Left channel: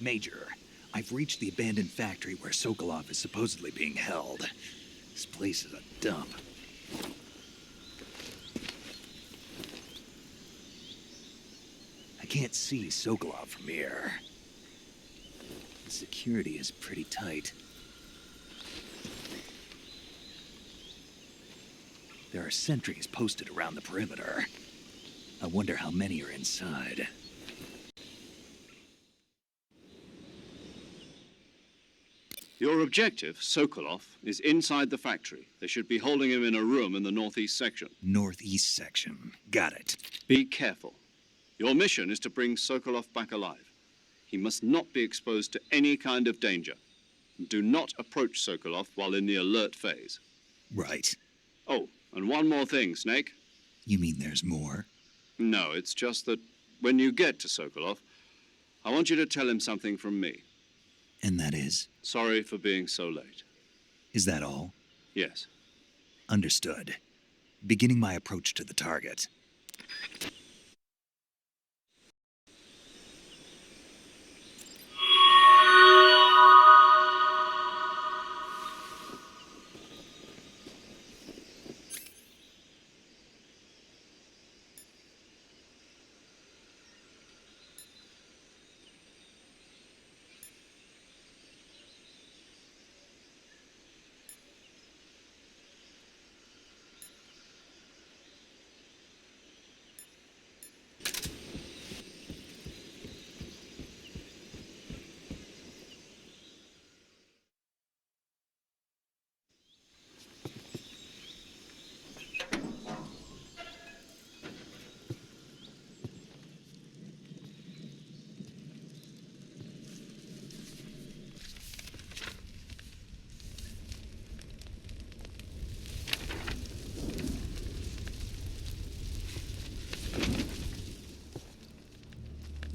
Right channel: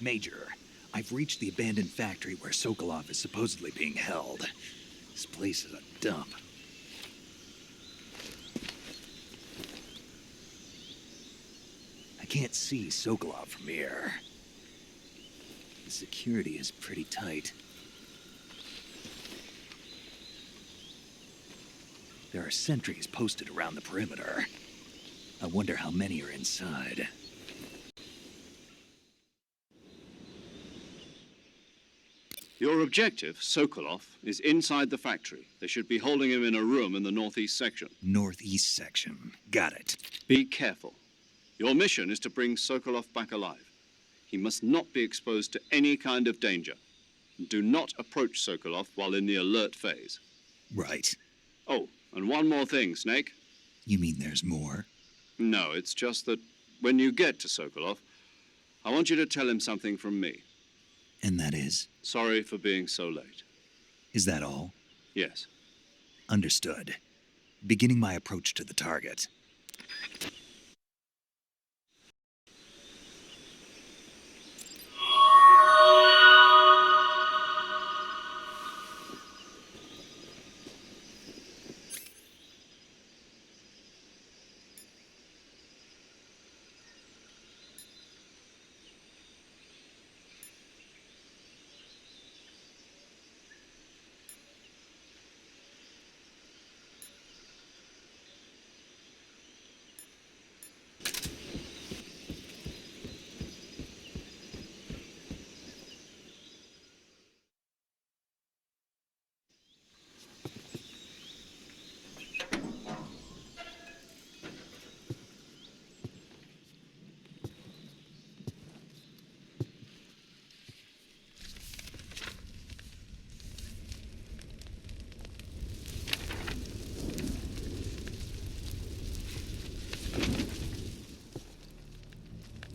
Major, I've reached the abandoned factory where Sokolov is supposedly being held. This place is a dump. I can't see Sokolov from here. The security is pretty tight. There are sentries posted around the perimeter. I wonder how many are inside. Your objective, Sokolov, is inside the factory. They should be holding him in a room in the northeast section. Northeast section. Got it. Be careful. Your mission is to bring Sokolov back alive. He must not be exposed to any kind of danger. Do not approach Sokolov while in the alert phase. Right. Oh, and one more thing, Snake. You mean there's more? No, it's just that when you get to Sokolov, I want you to tell him something from me. And that is? Sorry for being so late. Is that all? Yes. Understood. Beginning my approach to the target.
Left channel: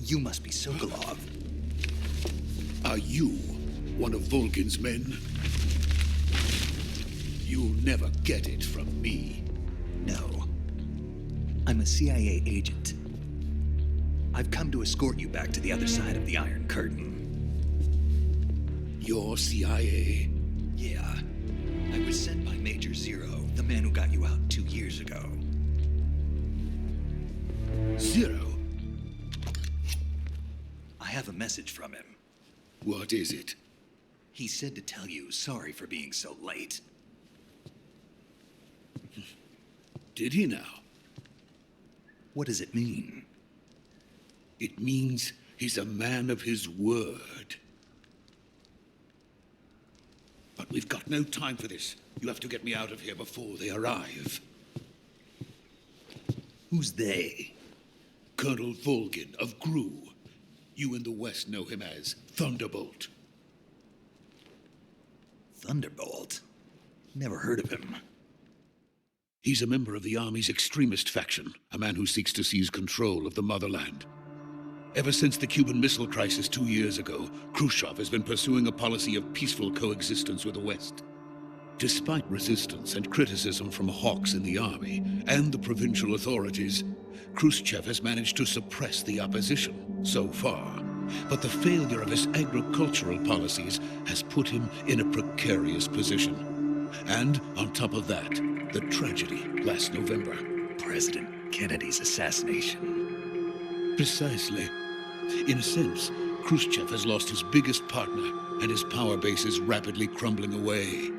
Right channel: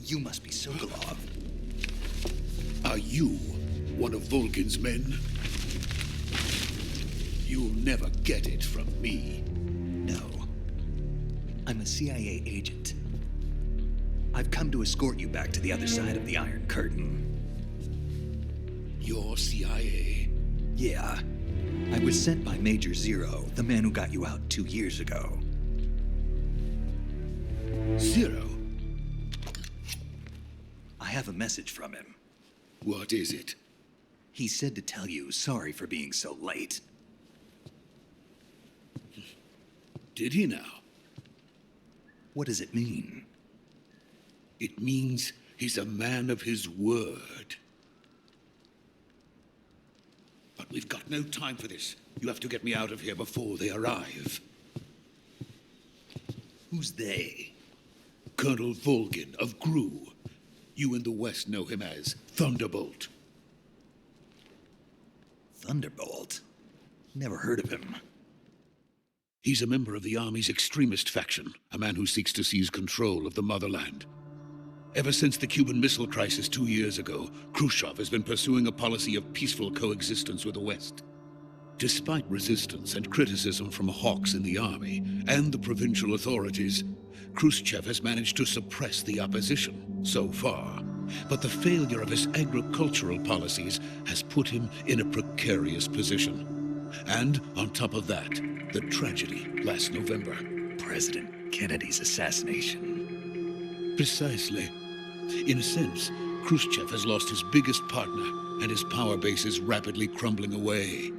You must be Sokolov. Are you one of Volgin's men? You'll never get it from me. No. I'm a CIA agent. I've come to escort you back to the other side of the Iron Curtain. You're CIA? Yeah. I was sent by Major Zero, the man who got you out 2 years ago. Zero? I have a message from him. What is it? He said to tell you sorry for being so late. Did he now? What does it mean? It means he's a man of his word. But we've got no time for this. You have to get me out of here before they arrive. Who's they? Colonel Volgin of GRU. You in the West know him as Thunderbolt. Thunderbolt? Never heard of him. He's a member of the Army's extremist faction, a man who seeks to seize control of the motherland. Ever since the Cuban Missile Crisis 2 years ago, Khrushchev has been pursuing a policy of peaceful coexistence with the West. Despite resistance and criticism from hawks in the army and the provincial authorities, Khrushchev has managed to suppress the opposition so far. But the failure of his agricultural policies has put him in a precarious position. And on top of that, the tragedy last November. President Kennedy's assassination. Precisely. In a sense, Khrushchev has lost his biggest partner, and his power base is rapidly crumbling away.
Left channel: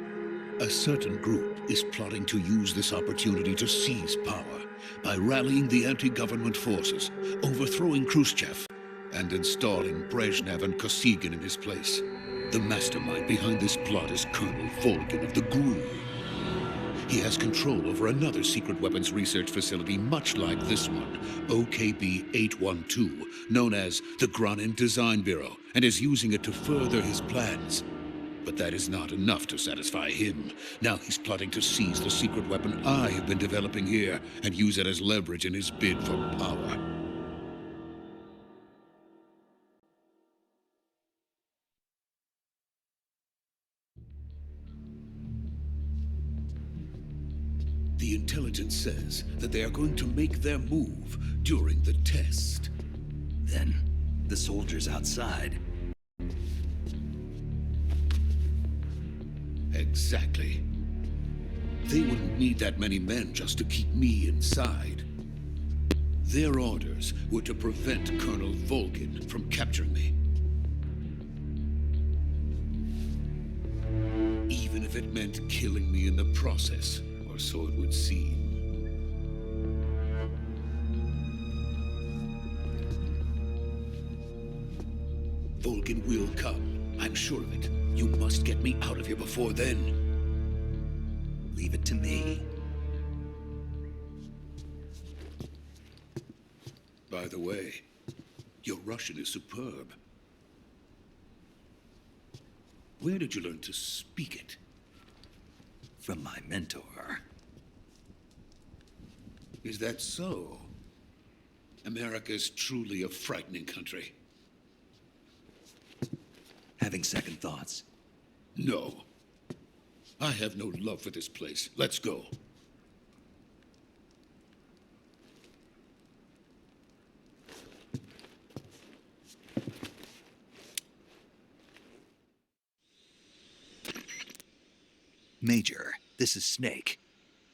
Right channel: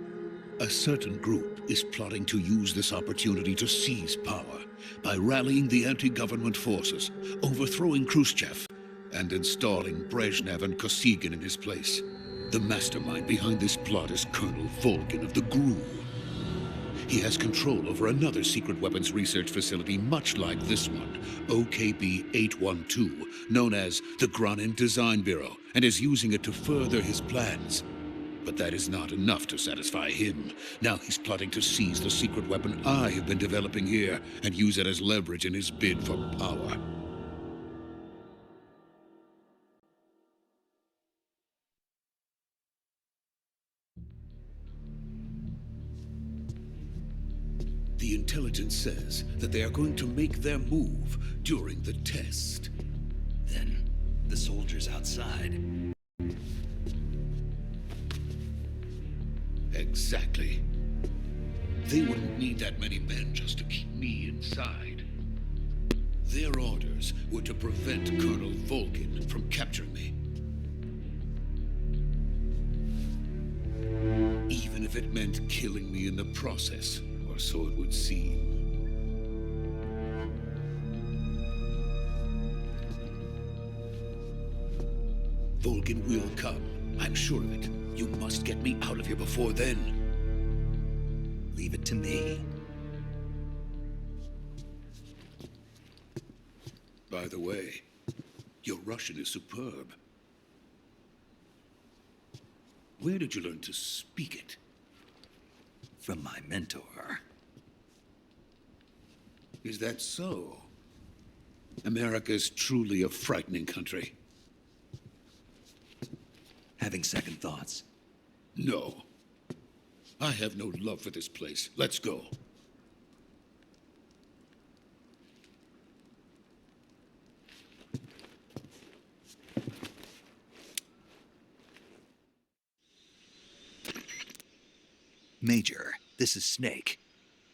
A certain group is plotting to use this opportunity to seize power by rallying the anti-government forces, overthrowing Khrushchev, and installing Brezhnev and Kosygin in his place. The mastermind behind this plot is Colonel Volgin of the GRU. He has control over another secret weapons research facility much like this one, OKB-812, known as the Granin Design Bureau, and is using it to further his plans. But that is not enough to satisfy him. Now he's plotting to seize the secret weapon I have been developing here and use it as leverage in his bid for power. The intelligence says that they are going to make their move during the test. Then, the soldiers outside. Exactly. They wouldn't need that many men just to keep me inside. Their orders were to prevent Colonel Volgin from capturing me. Even if it meant killing me in the process, or so it would seem. Volgin will come. I'm sure of it. You must get me out of here before then. Leave it to me. By the way, your Russian is superb. Where did you learn to speak it? From my mentor. Is that so? America's truly a frightening country. Having second thoughts? No. I have no love for this place. Let's go. Major, this is Snake.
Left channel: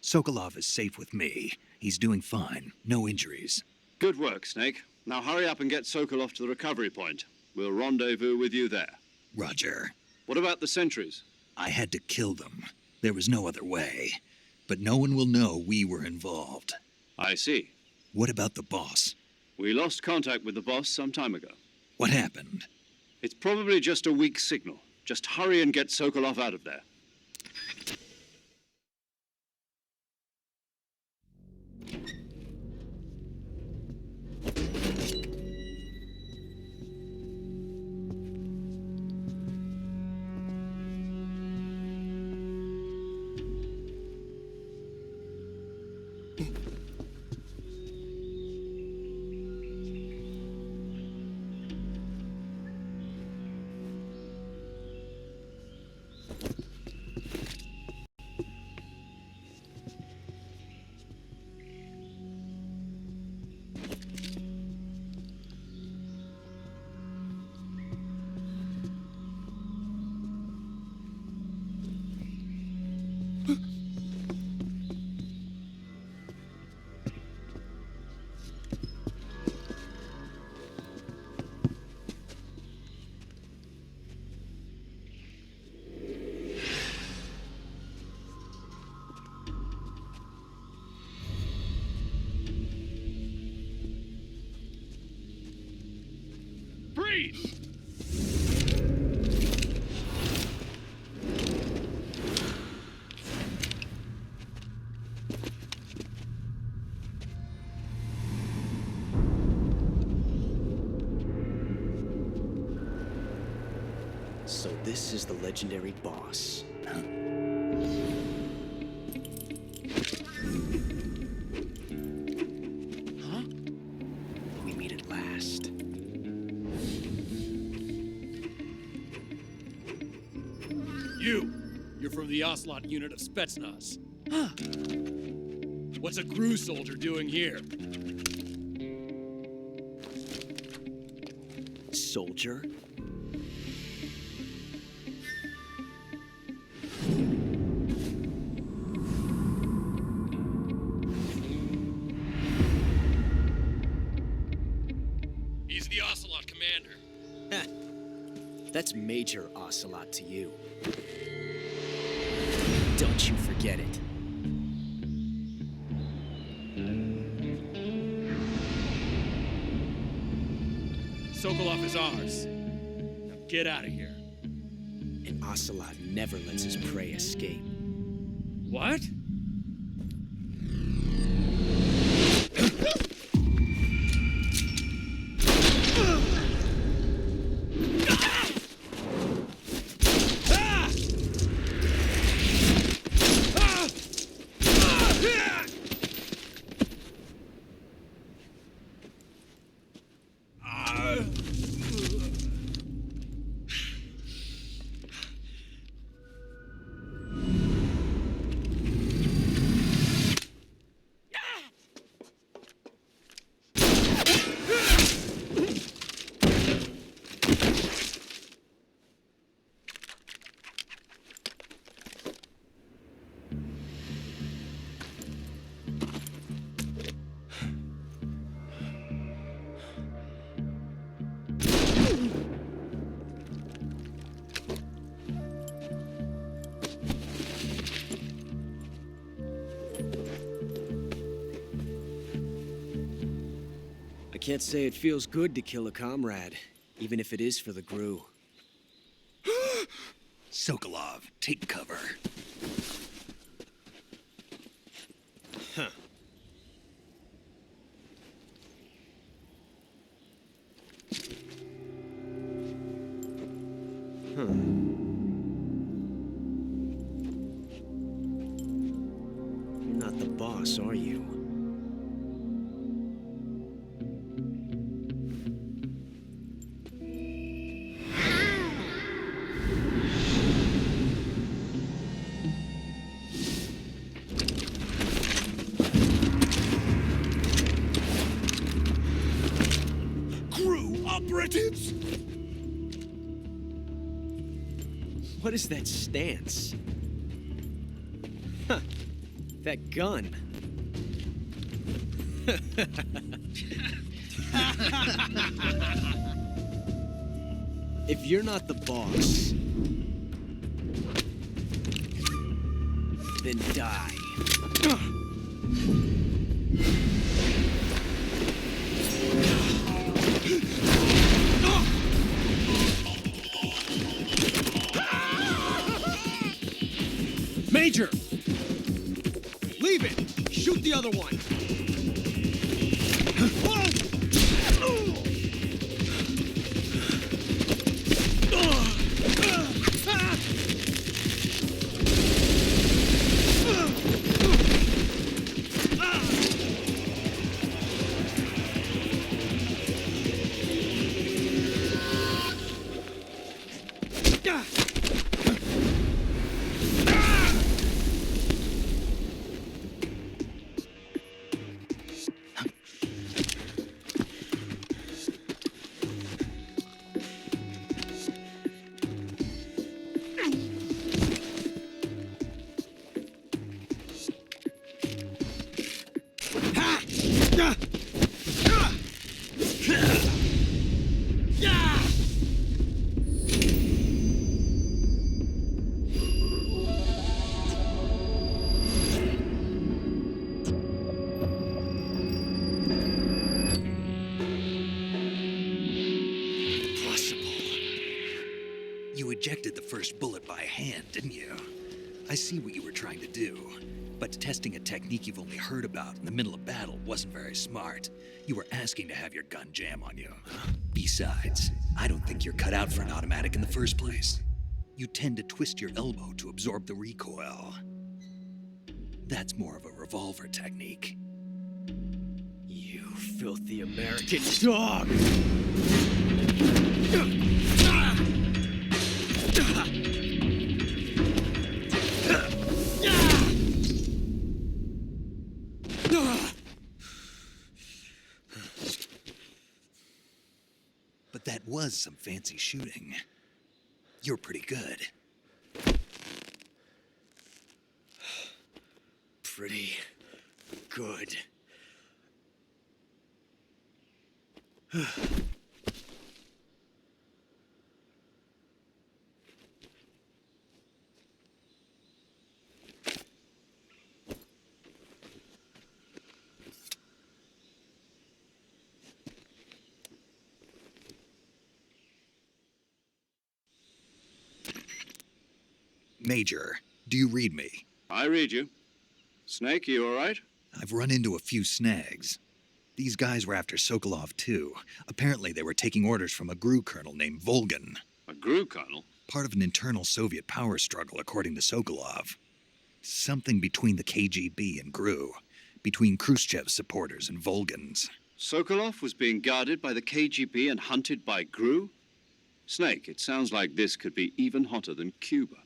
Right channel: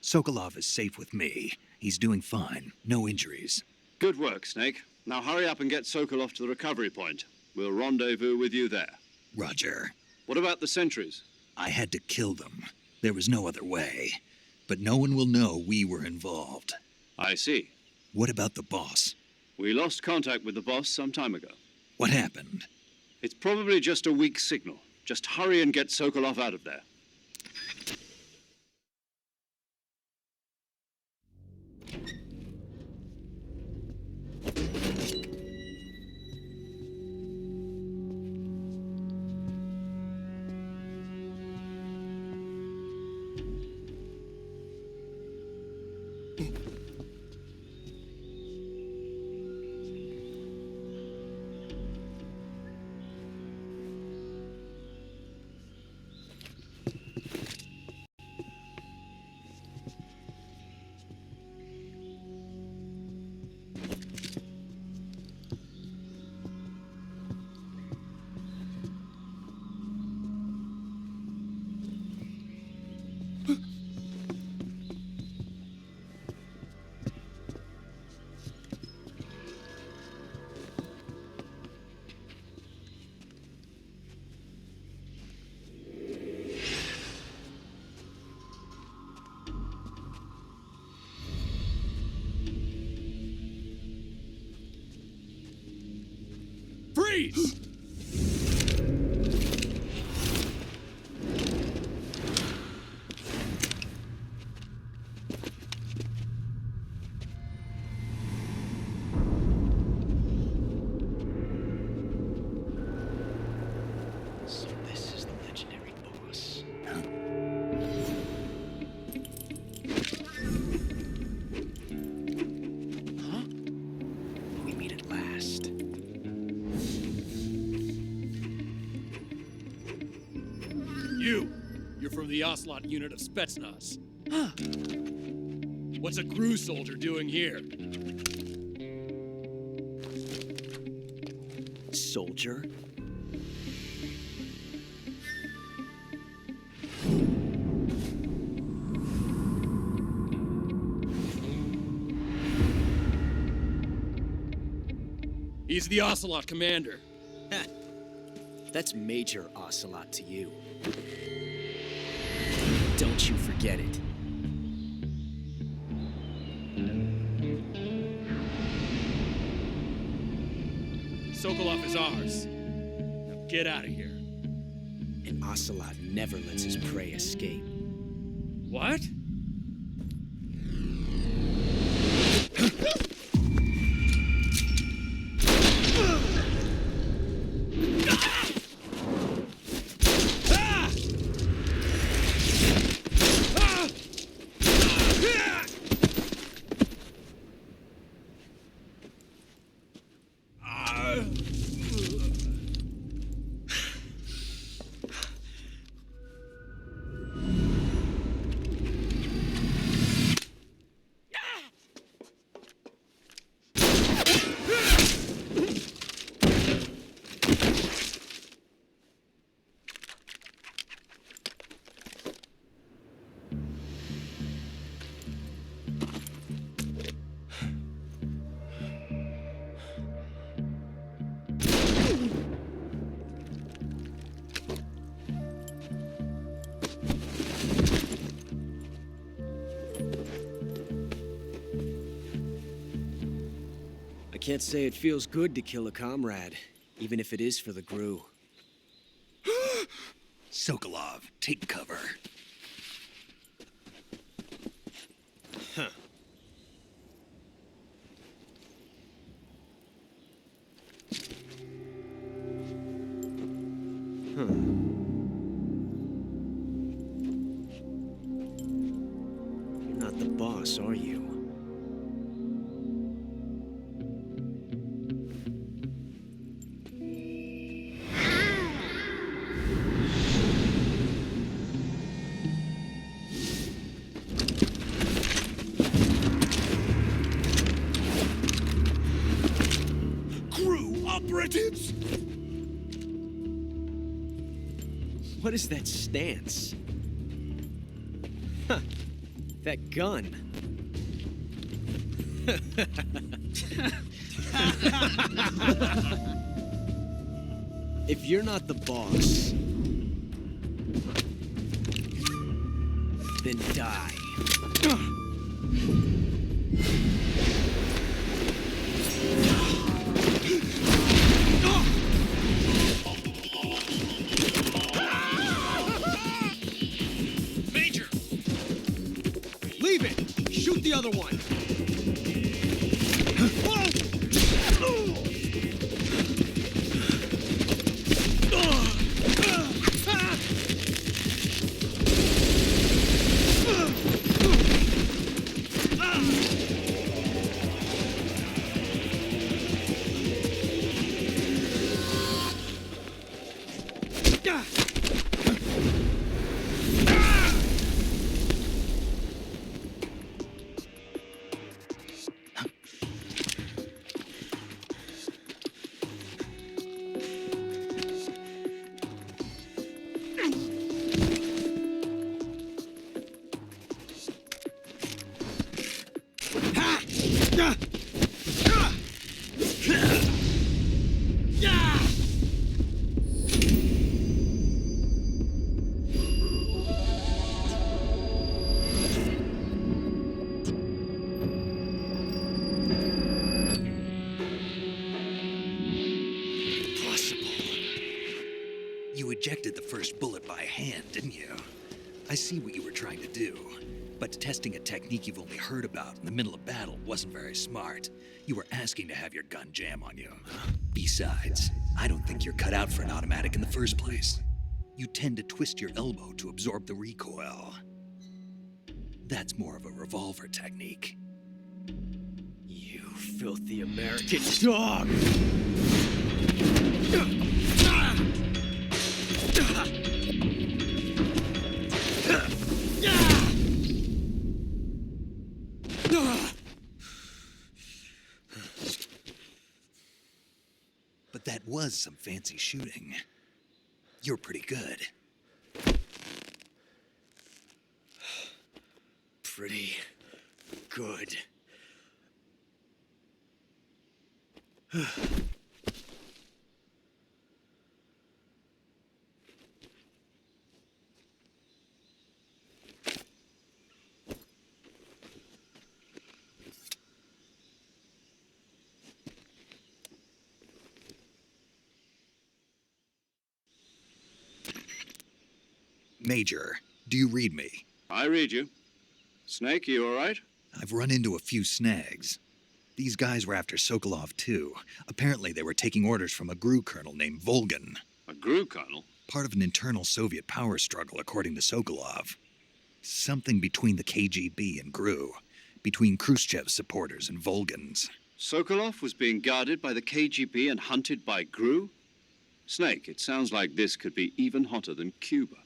Sokolov is safe with me. He's doing fine. No injuries. Good work, Snake. Now hurry up and get Sokolov to the recovery point. We'll rendezvous with you there. Roger. What about the sentries? I had to kill them. There was no other way. But no one will know we were involved. I see. What about the boss? We lost contact with the boss some time ago. What happened? It's probably just a weak signal. Just hurry and get Sokolov out of there. Freeze! So this is the legendary boss. Huh? Huh? We meet at last. You're from the Ocelot unit of Spetsnaz. What's a crew soldier doing here? Soldier? He's the Ocelot commander. Heh. That's Major Ocelot to you. Don't you forget it. Sokolov is ours. Now get out of here. And Ocelot never lets his prey escape. What? can't say it feels good to kill a comrade, even if it is for the GRU. Sokolov, take cover. Huh. You're not the boss, are you? GRU operatives! What is that stance? Huh. That gun. If you're not the boss, then die. Major! Leave it! Shoot the other one! You ejected the first bullet by hand, didn't you? I see what you were trying to do. But testing a technique you've only heard about in the middle of battle wasn't very smart. You were asking to have your gun jam on you. Besides, I don't think you're cut out for an automatic in the first place. You tend to twist your elbow to absorb the recoil. That's more of a revolver technique. You filthy American dog! But that was some fancy shooting. You're pretty good. Pretty good. Major, do you read me? I read you. Snake, you all right? I've run into a few snags. These guys were after Sokolov, too. Apparently, they were taking orders from a GRU colonel named Volgan. A GRU colonel? Part of an internal Soviet power struggle, according to Sokolov. Something between the KGB and GRU. Between Khrushchev's supporters and Volgan's. Sokolov was being guarded by the KGB and hunted by GRU? Snake, it sounds like this could be even hotter than Cuba.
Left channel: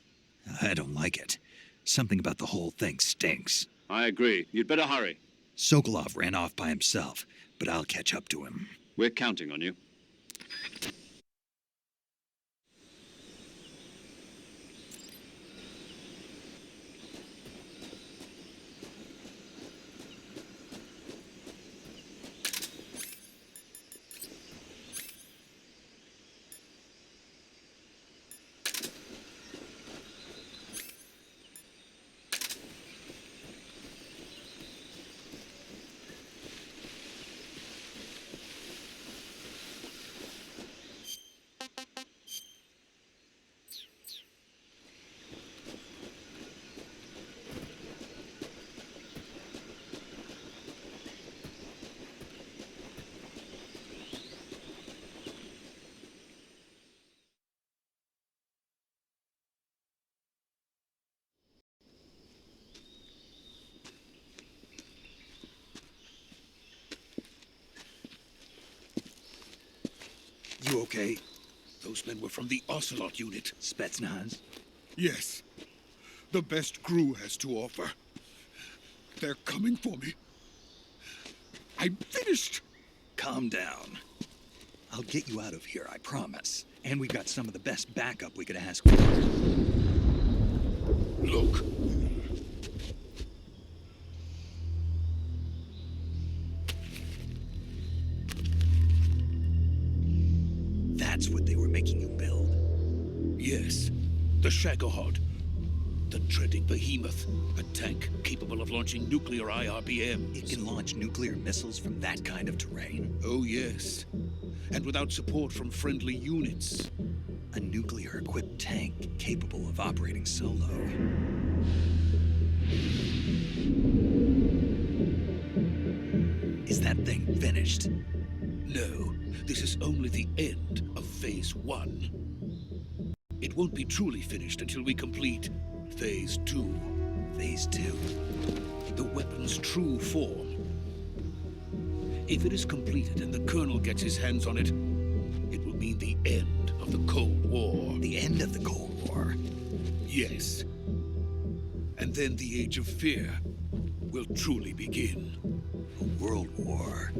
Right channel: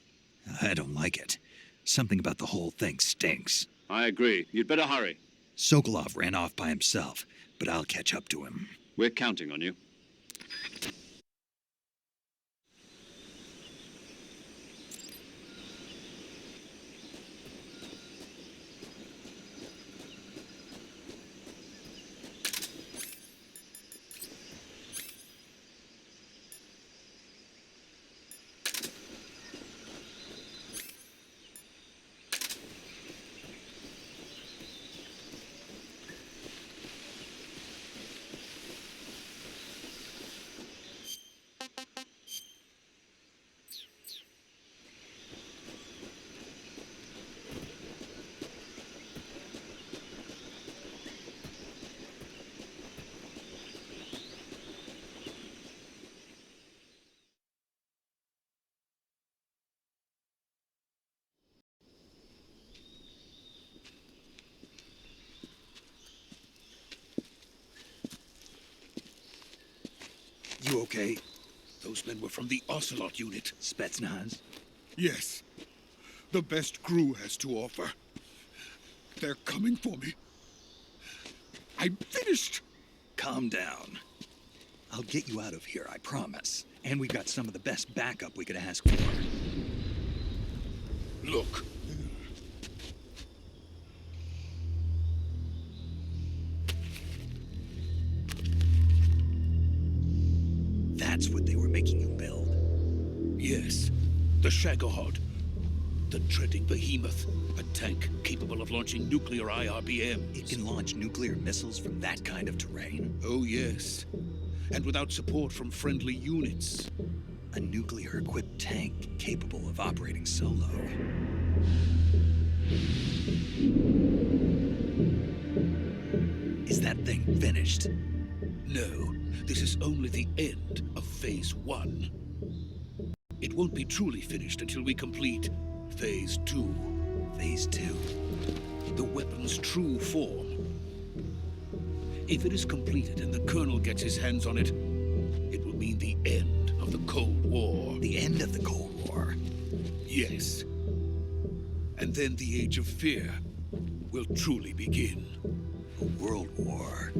I don't like it. Something about the whole thing stinks. I agree. You'd better hurry. Sokolov ran off by himself, but I'll catch up to him. We're counting on you. You okay? Those men were from the Ocelot unit. Spetsnaz? Yes. The best crew has to offer. They're coming for me. I'm finished. Calm down. I'll get you out of here, I promise. And we've got some of the best backup we could ask for. Look. That's what they were making you build? Yes. The Shagohod. The dreading behemoth. A tank capable of launching nuclear IRBMs. It can launch nuclear missiles from that kind of terrain? Oh, yes. And without support from friendly units. A nuclear-equipped tank capable of operating solo. Is that thing finished? No, this is only the end of Phase 1. It won't be truly finished until we complete Phase 2. Phase 2? The weapon's true form. If it is completed and the Colonel gets his hands on it, it will mean the end of the Cold War. The end of the Cold War? Yes. And then the Age of Fear will truly begin. A world war?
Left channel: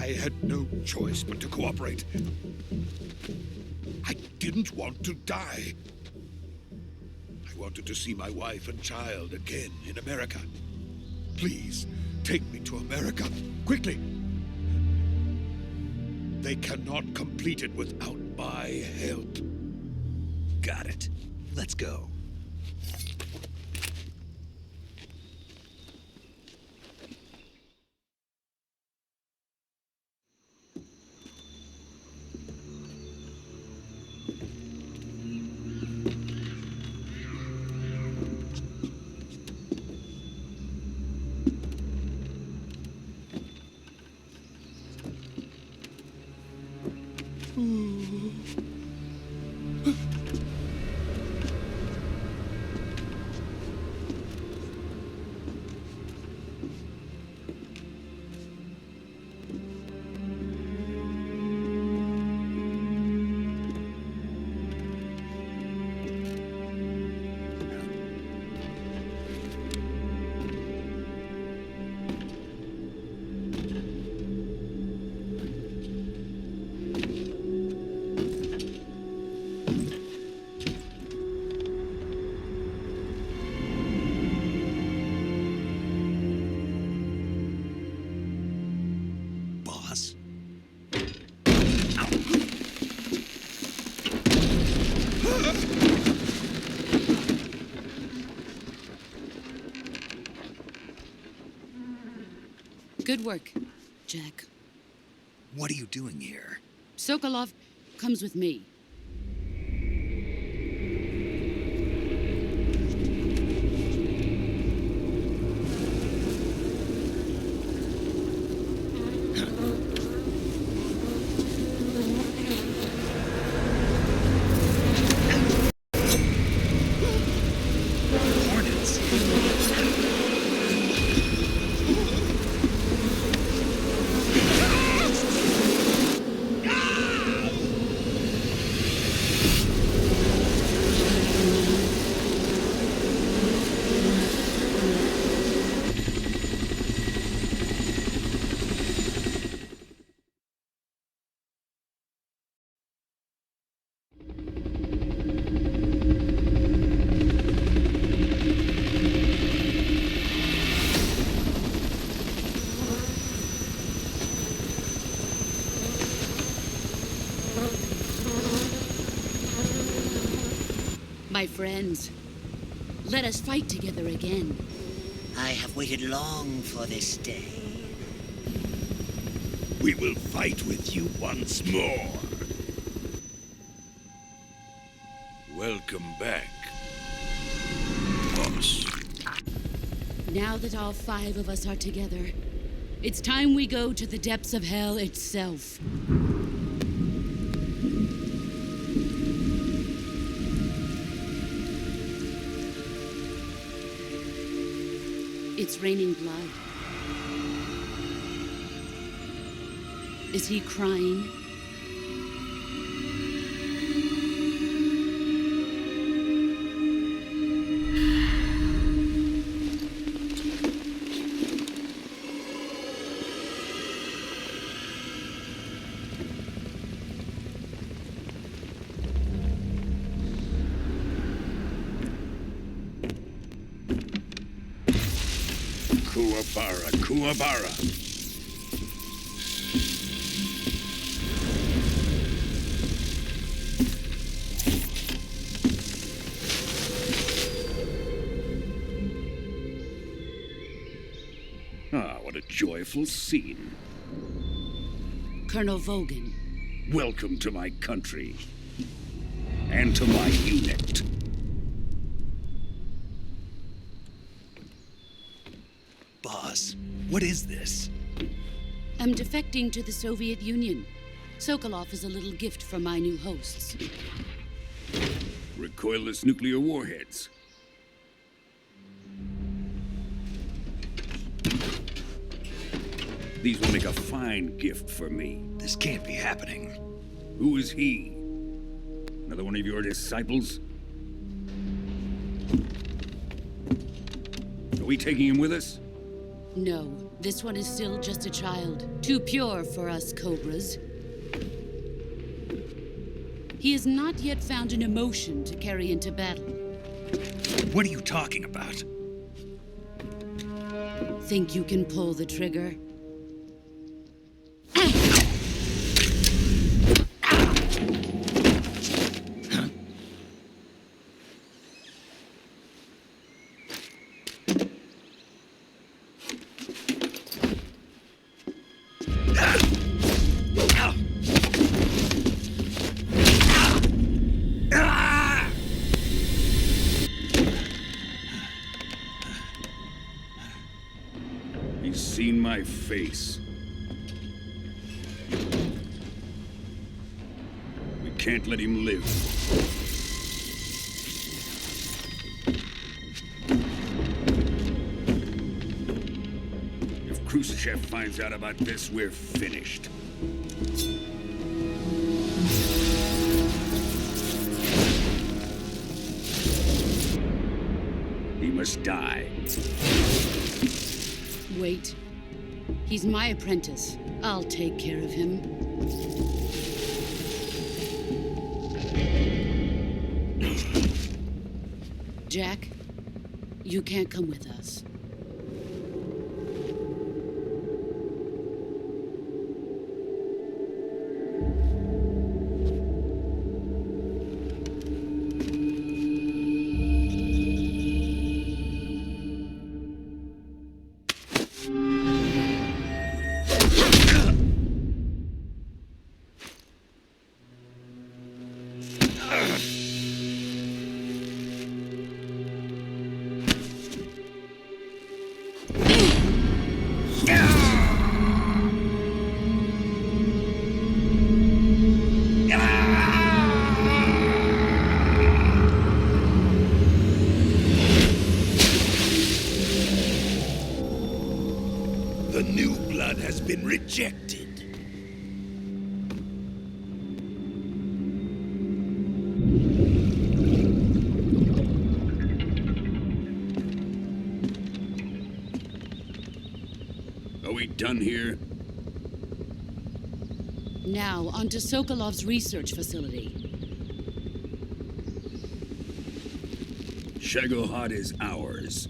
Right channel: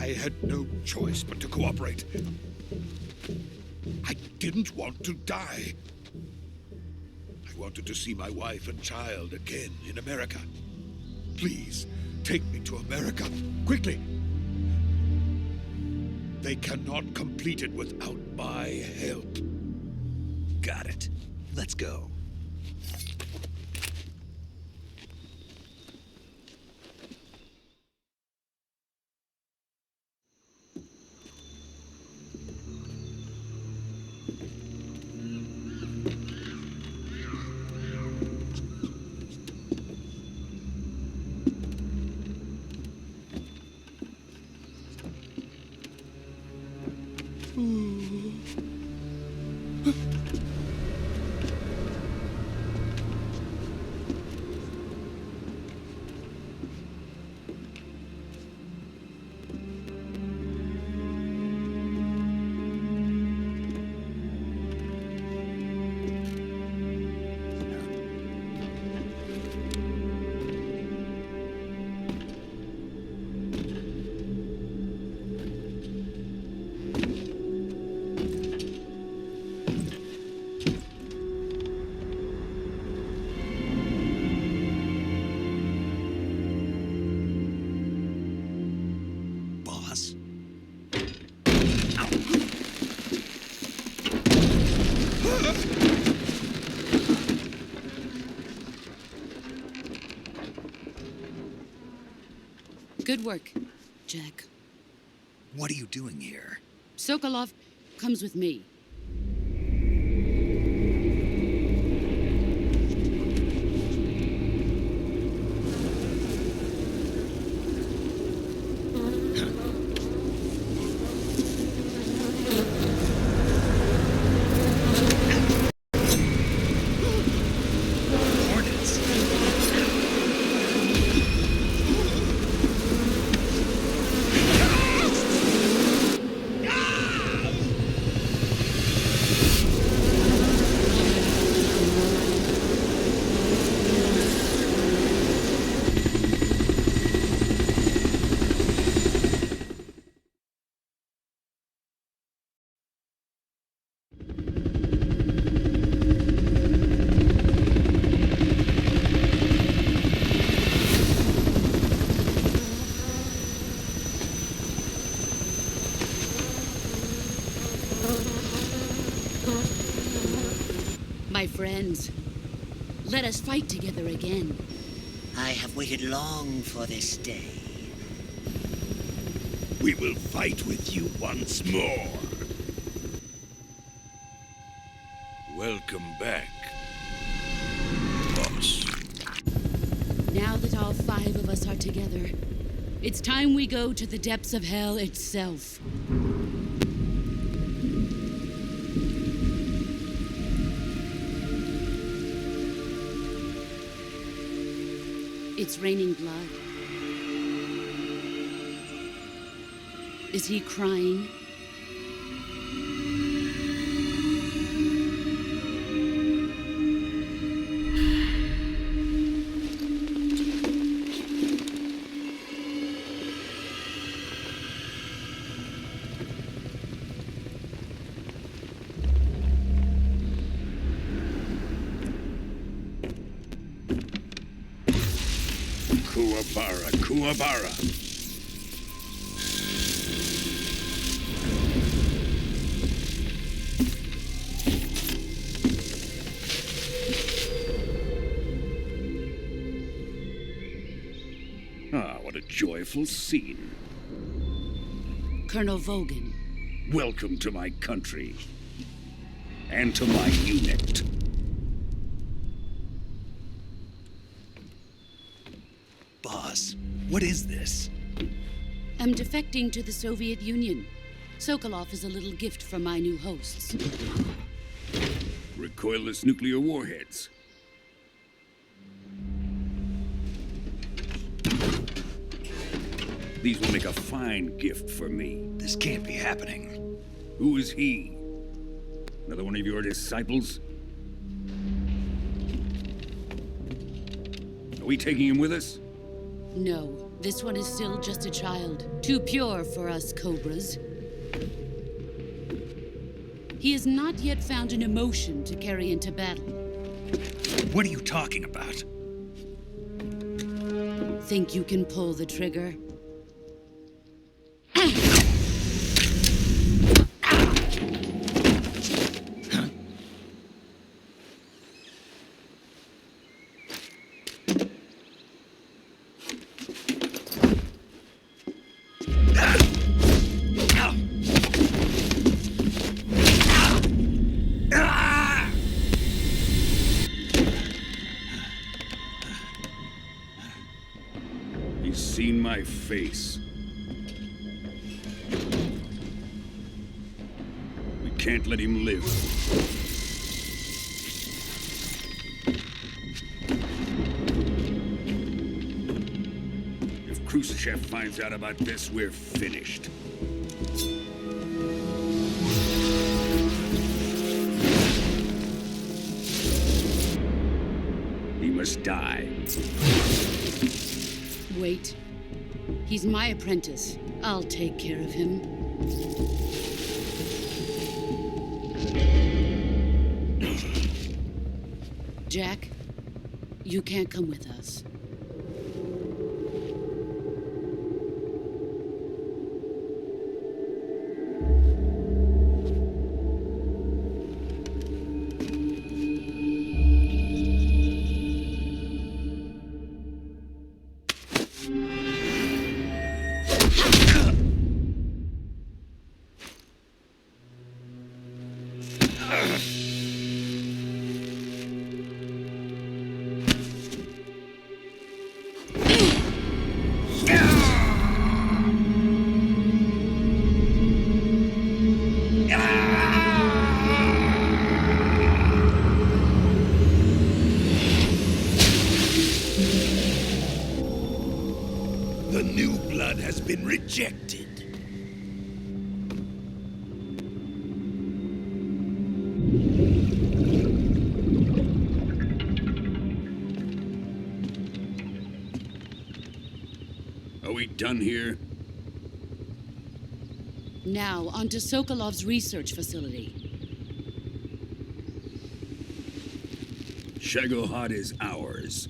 I had no choice but to cooperate. I didn't want to die. I wanted to see my wife and child again in America. Please, take me to America, quickly. They cannot complete it without my help. Got it. Let's go. Boss? Good work, Jack. What are you doing here? Sokolov comes with me. Hornets? My friends, let us fight together again. I have waited long for this day. We will fight with you once more. Welcome back, boss. Now that all 5 of us are together, it's time we go to the depths of hell itself. It's raining blood. Is he crying? Kuwabara, Kuwabara. Ah, what a joyful scene. Colonel Vogan. Welcome to my country. And to my unit. Boss, what is this? I'm defecting to the Soviet Union. Sokolov is a little gift from my new hosts. Recoilless nuclear warheads. These will make a fine gift for me. This can't be happening. Who is he? Another one of your disciples? Are we taking him with us? No, this one is still just a child. Too pure for us Cobras. He has not yet found an emotion to carry into battle. What are you talking about? Think you can pull the trigger? He's seen my face. We can't let him live. If Khrushchev finds out about this, we're finished. He must die. Wait. He's my apprentice. I'll take care of him. Jack, you can't come with us. The new blood has been rejected. Are we done here? Now, onto Sokolov's research facility. Shagohod is ours.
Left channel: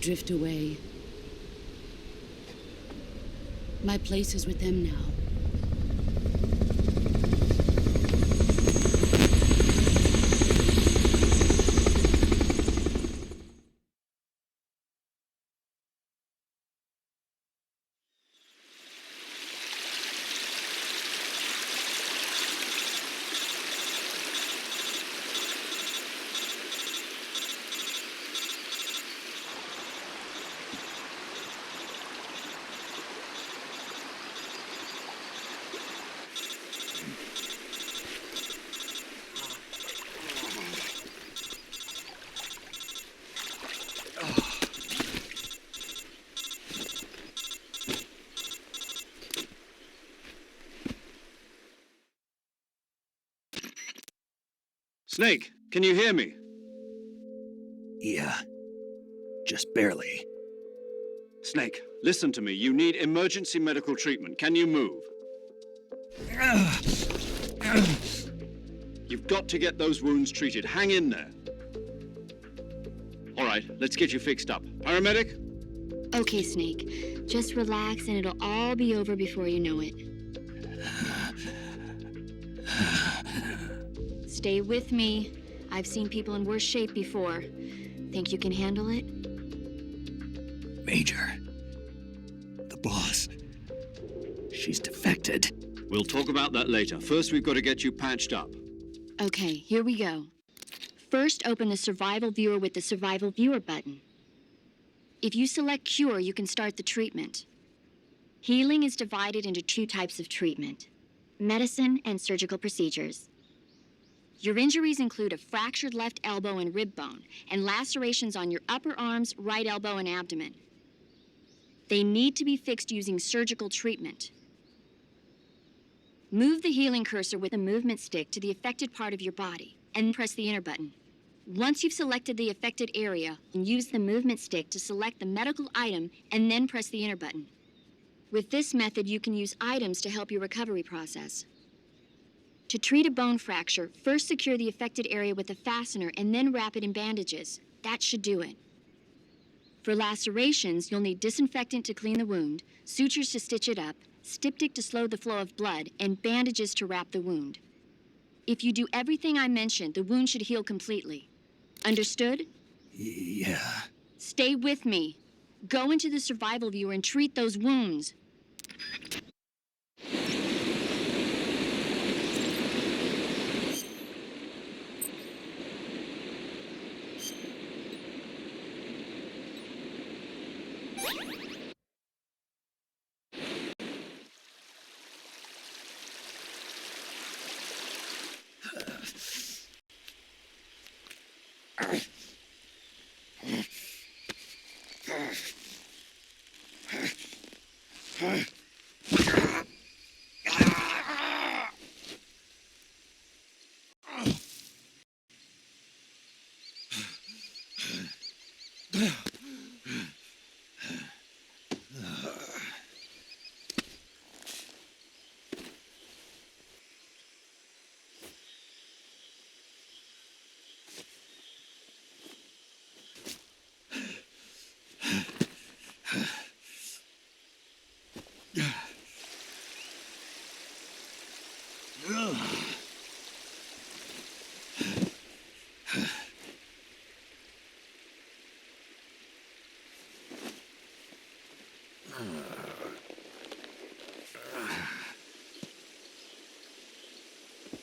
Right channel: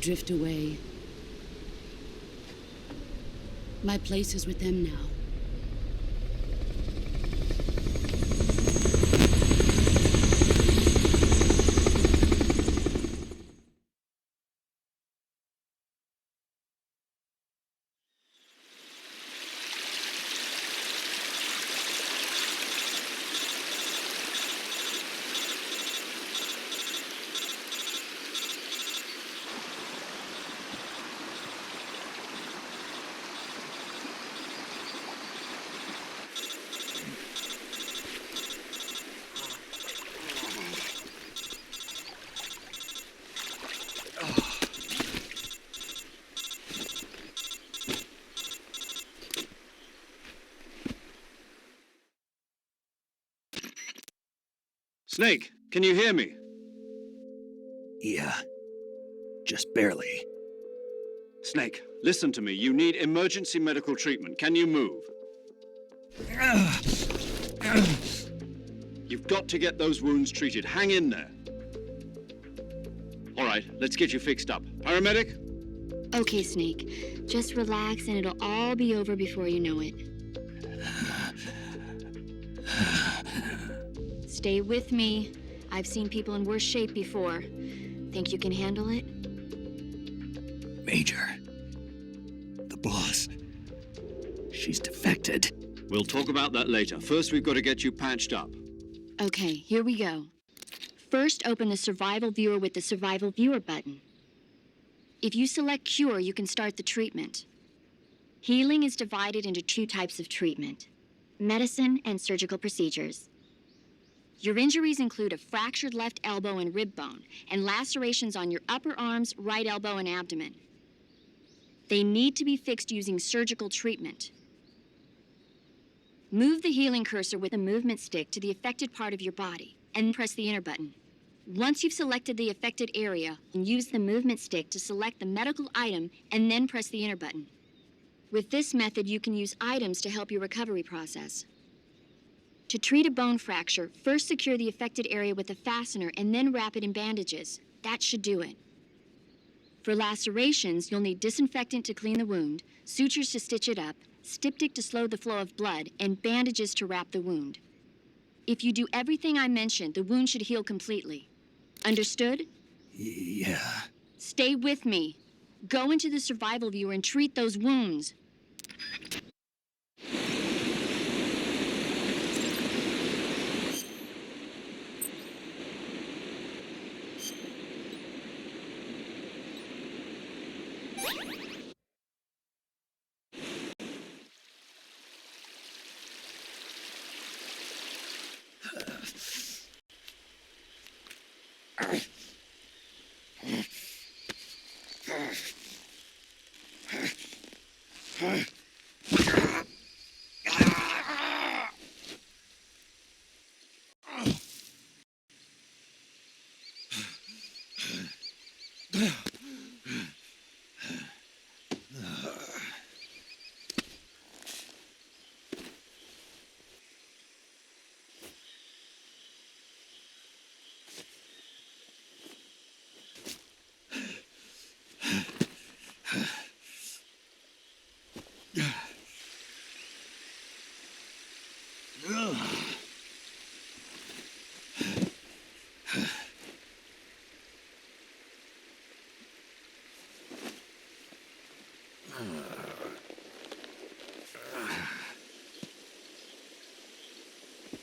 Drift away. My place is with them now. Snake, can you hear me? Yeah, just barely. Snake, listen to me. You need emergency medical treatment. Can you move? You've got to get those wounds treated. Hang in there. All right, let's get you fixed up. Paramedic? Okay, Snake. Just relax and it'll all be over before you know it. Stay with me. I've seen people in worse shape before. Think you can handle it? Major, the boss, she's defected. We'll talk about that later. First, we've got to get you patched up. Okay, here we go. First, open the Survival Viewer with the Survival Viewer button. If you select Cure, you can start the treatment. Healing is divided into 2 types of treatment: medicine and surgical procedures. Your injuries include a fractured left elbow and rib bone, and lacerations on your upper arms, right elbow, and abdomen. They need to be fixed using surgical treatment. Move the healing cursor with a movement stick to the affected part of your body, and press the enter button. Once you've selected the affected area, use the movement stick to select the medical item, and then press the enter button. With this method, you can use items to help your recovery process. To treat a bone fracture, first secure the affected area with a fastener and then wrap it in bandages. That should do it. For lacerations, you'll need disinfectant to clean the wound, sutures to stitch it up, styptic to slow the flow of blood, and bandages to wrap the wound. If you do everything I mentioned, the wound should heal completely. Understood? Yeah. Stay with me. Go into the Survival Viewer and treat those wounds.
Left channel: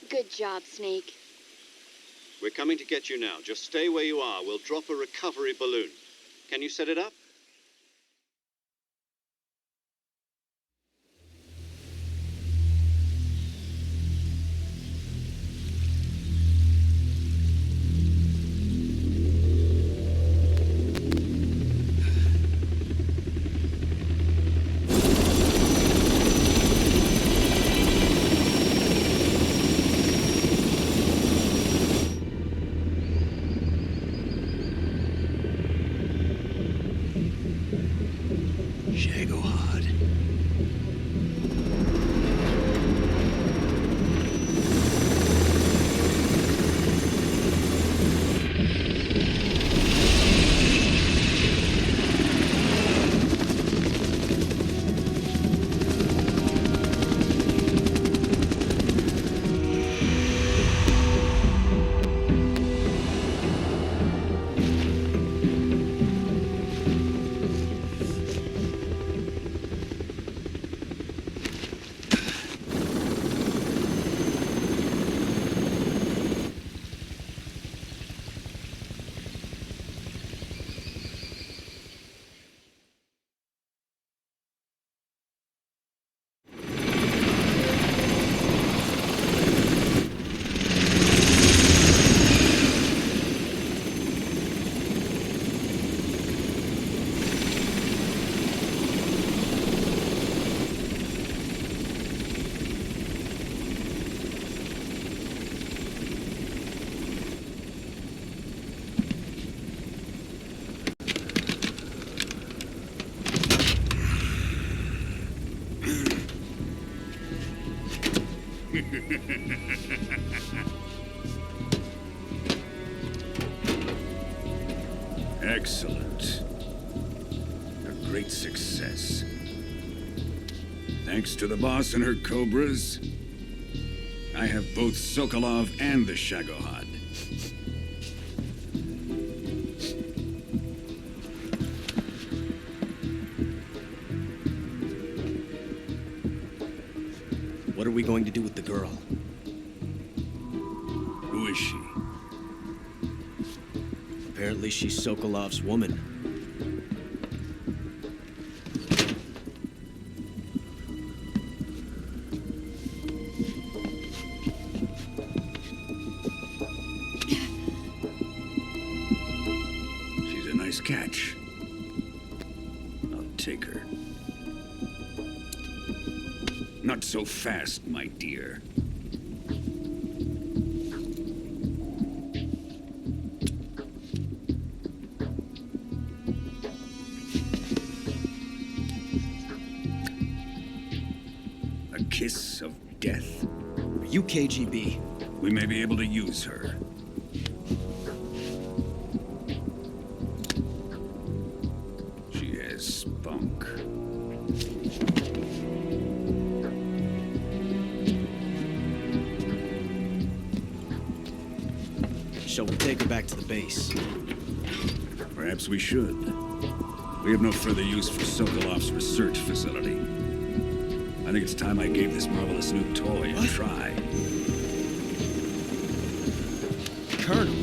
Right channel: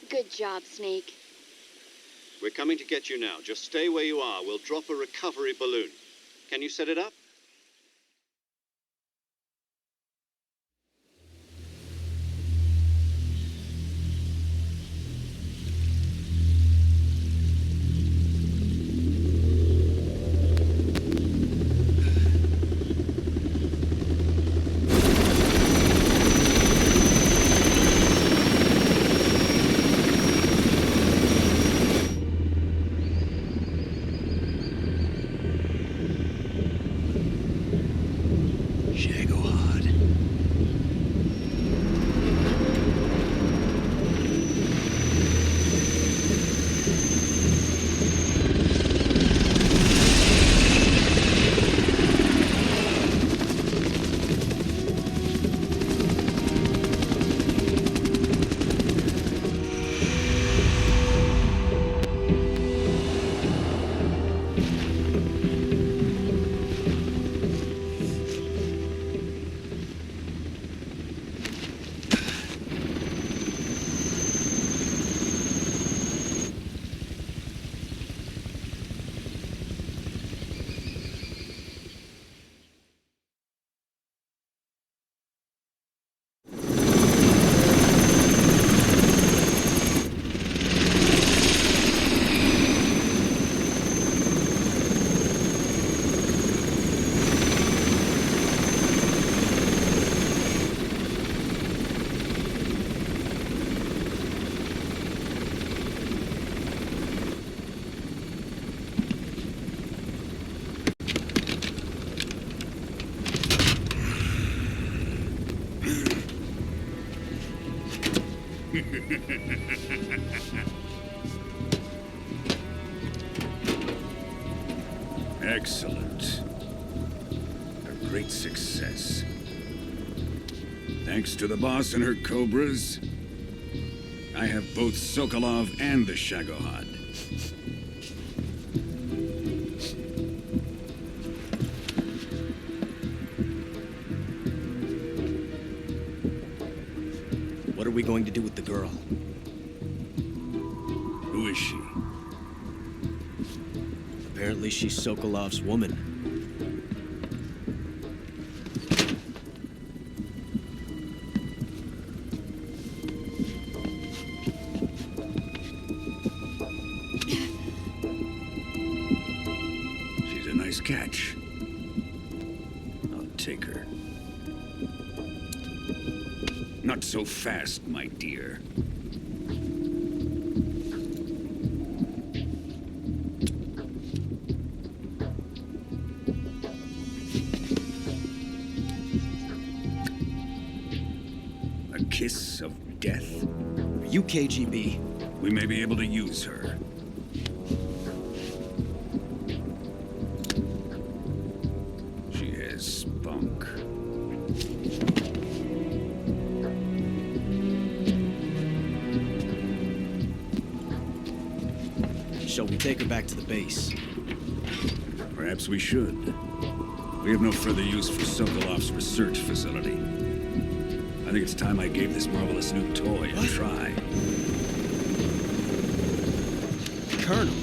Good job, Snake. We're coming to get you now. Just stay where you are. We'll drop a recovery balloon. Can you set it up? Shagohod. Excellent. A great success. Thanks to the boss and her cobras, I have both Sokolov and the Shagohod. What are we going to do with the girl? Who is she? Apparently she's Sokolov's woman. She's a nice catch. I'll take her. Not so fast, my dear. A kiss of death? Are you KGB? We may be able to use her. She has spunk. Shall we take her back to the base? Perhaps we should. We have no further use for Sokolov's research facility. I think it's time I gave this marvelous new toy a try. Colonel,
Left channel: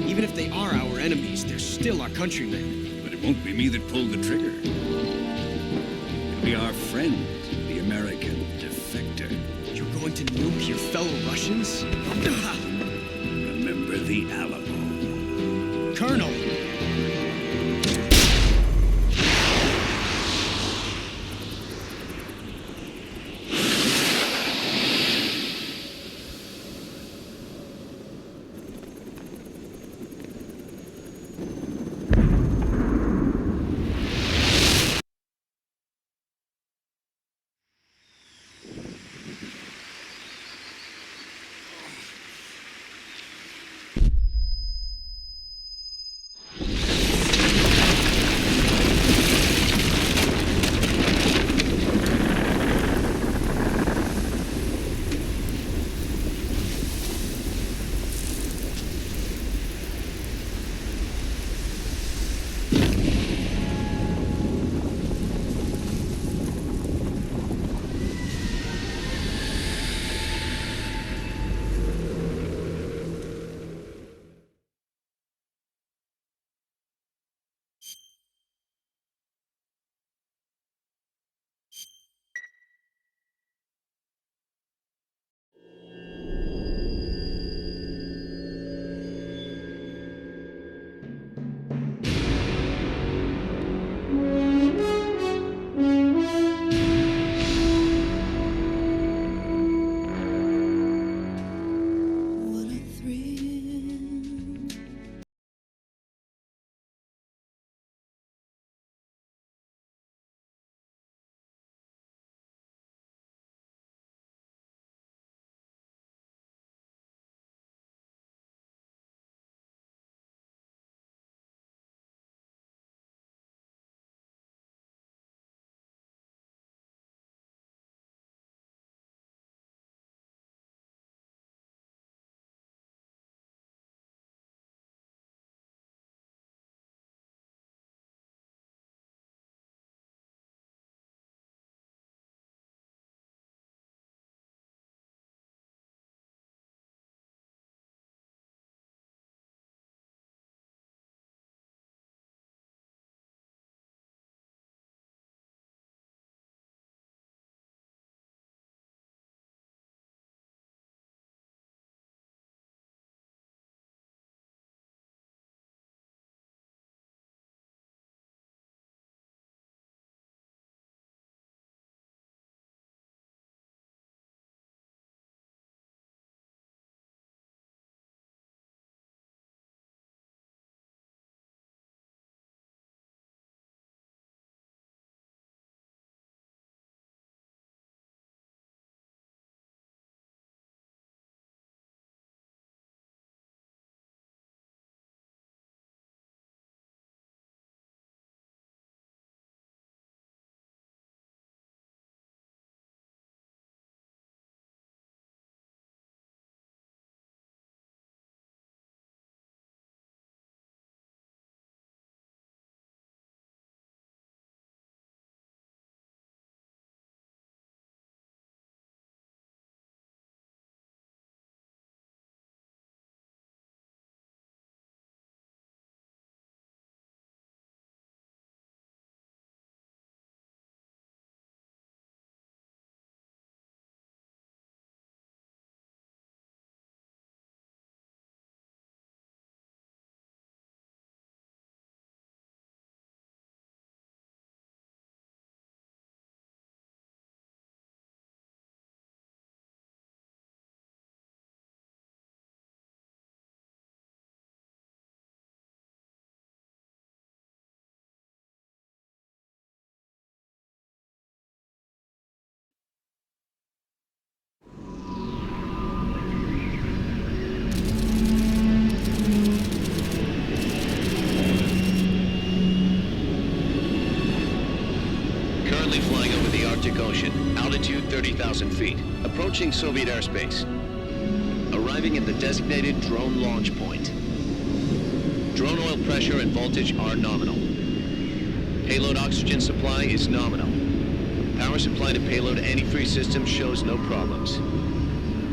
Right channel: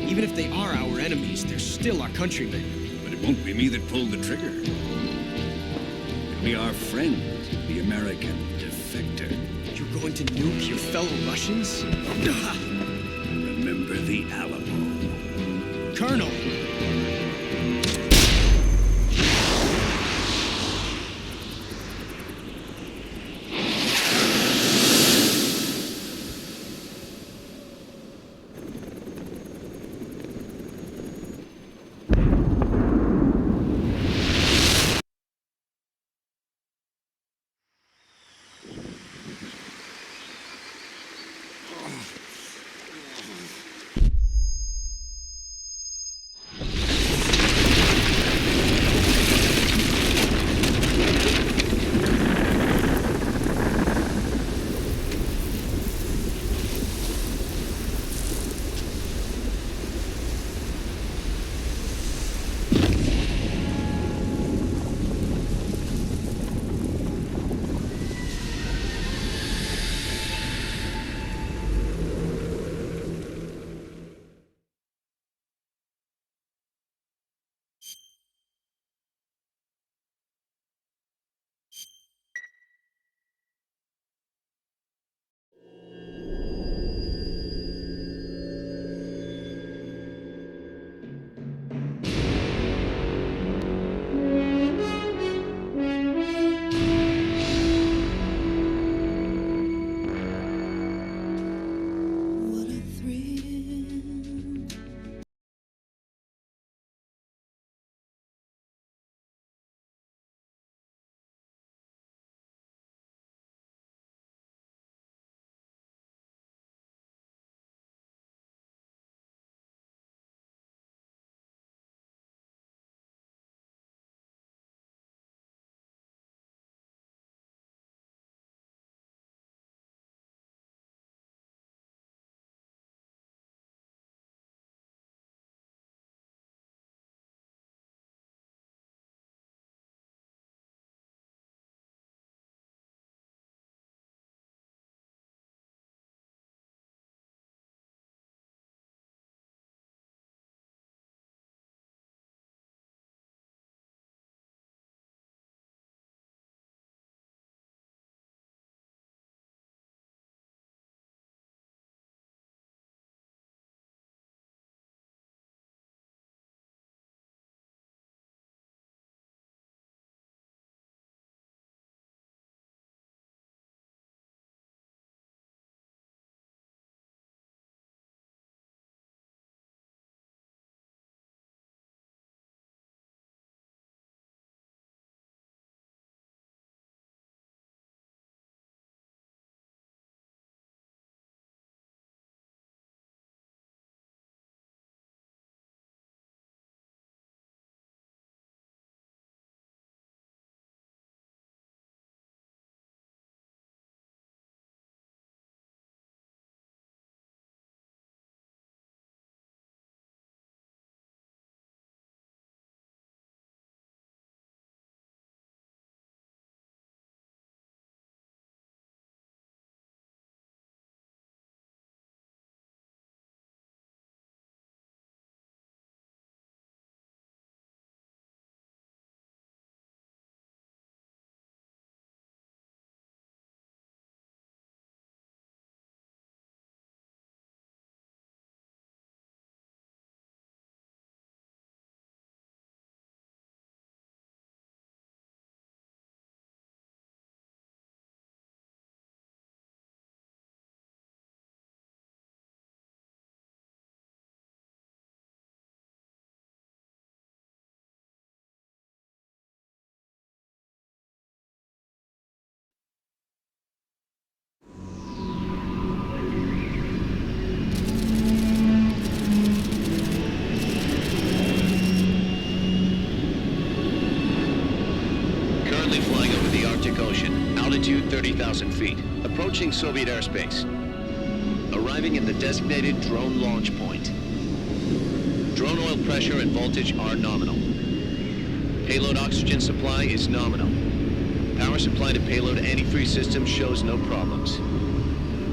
even if they are our enemies, they're still our countrymen. But it won't be me that pulled the trigger. It'll be our friend, the American defector. You're going to nuke your fellow Russians? Remember the Alamo. Colonel! Arctic Ocean, altitude 30,000 feet, approaching Soviet airspace. Arriving at the designated drone launch point. Drone oil pressure and voltage are nominal. Payload oxygen supply is nominal. Power supply to payload antifreeze system shows no problems.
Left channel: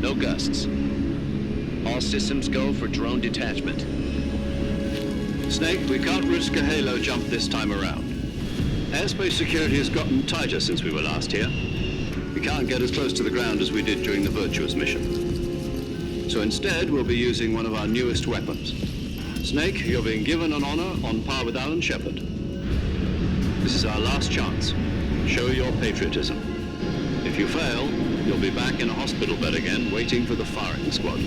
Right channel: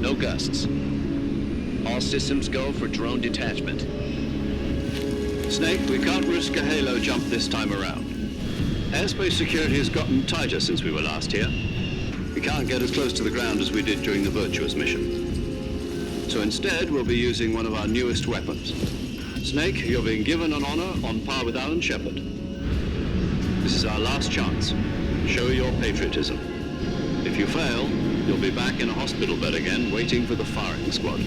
No gusts. All systems go for drone detachment. Snake, we can't risk a halo jump this time around. Airspace security has gotten tighter since we were last here. We can't get as close to the ground as we did during the Virtuous Mission. So instead, we'll be using one of our newest weapons. Snake, you're being given an honor on par with Alan Shepard. This is our last chance. Show your patriotism. If you fail, you'll be back in a hospital bed again, waiting for the firing squad.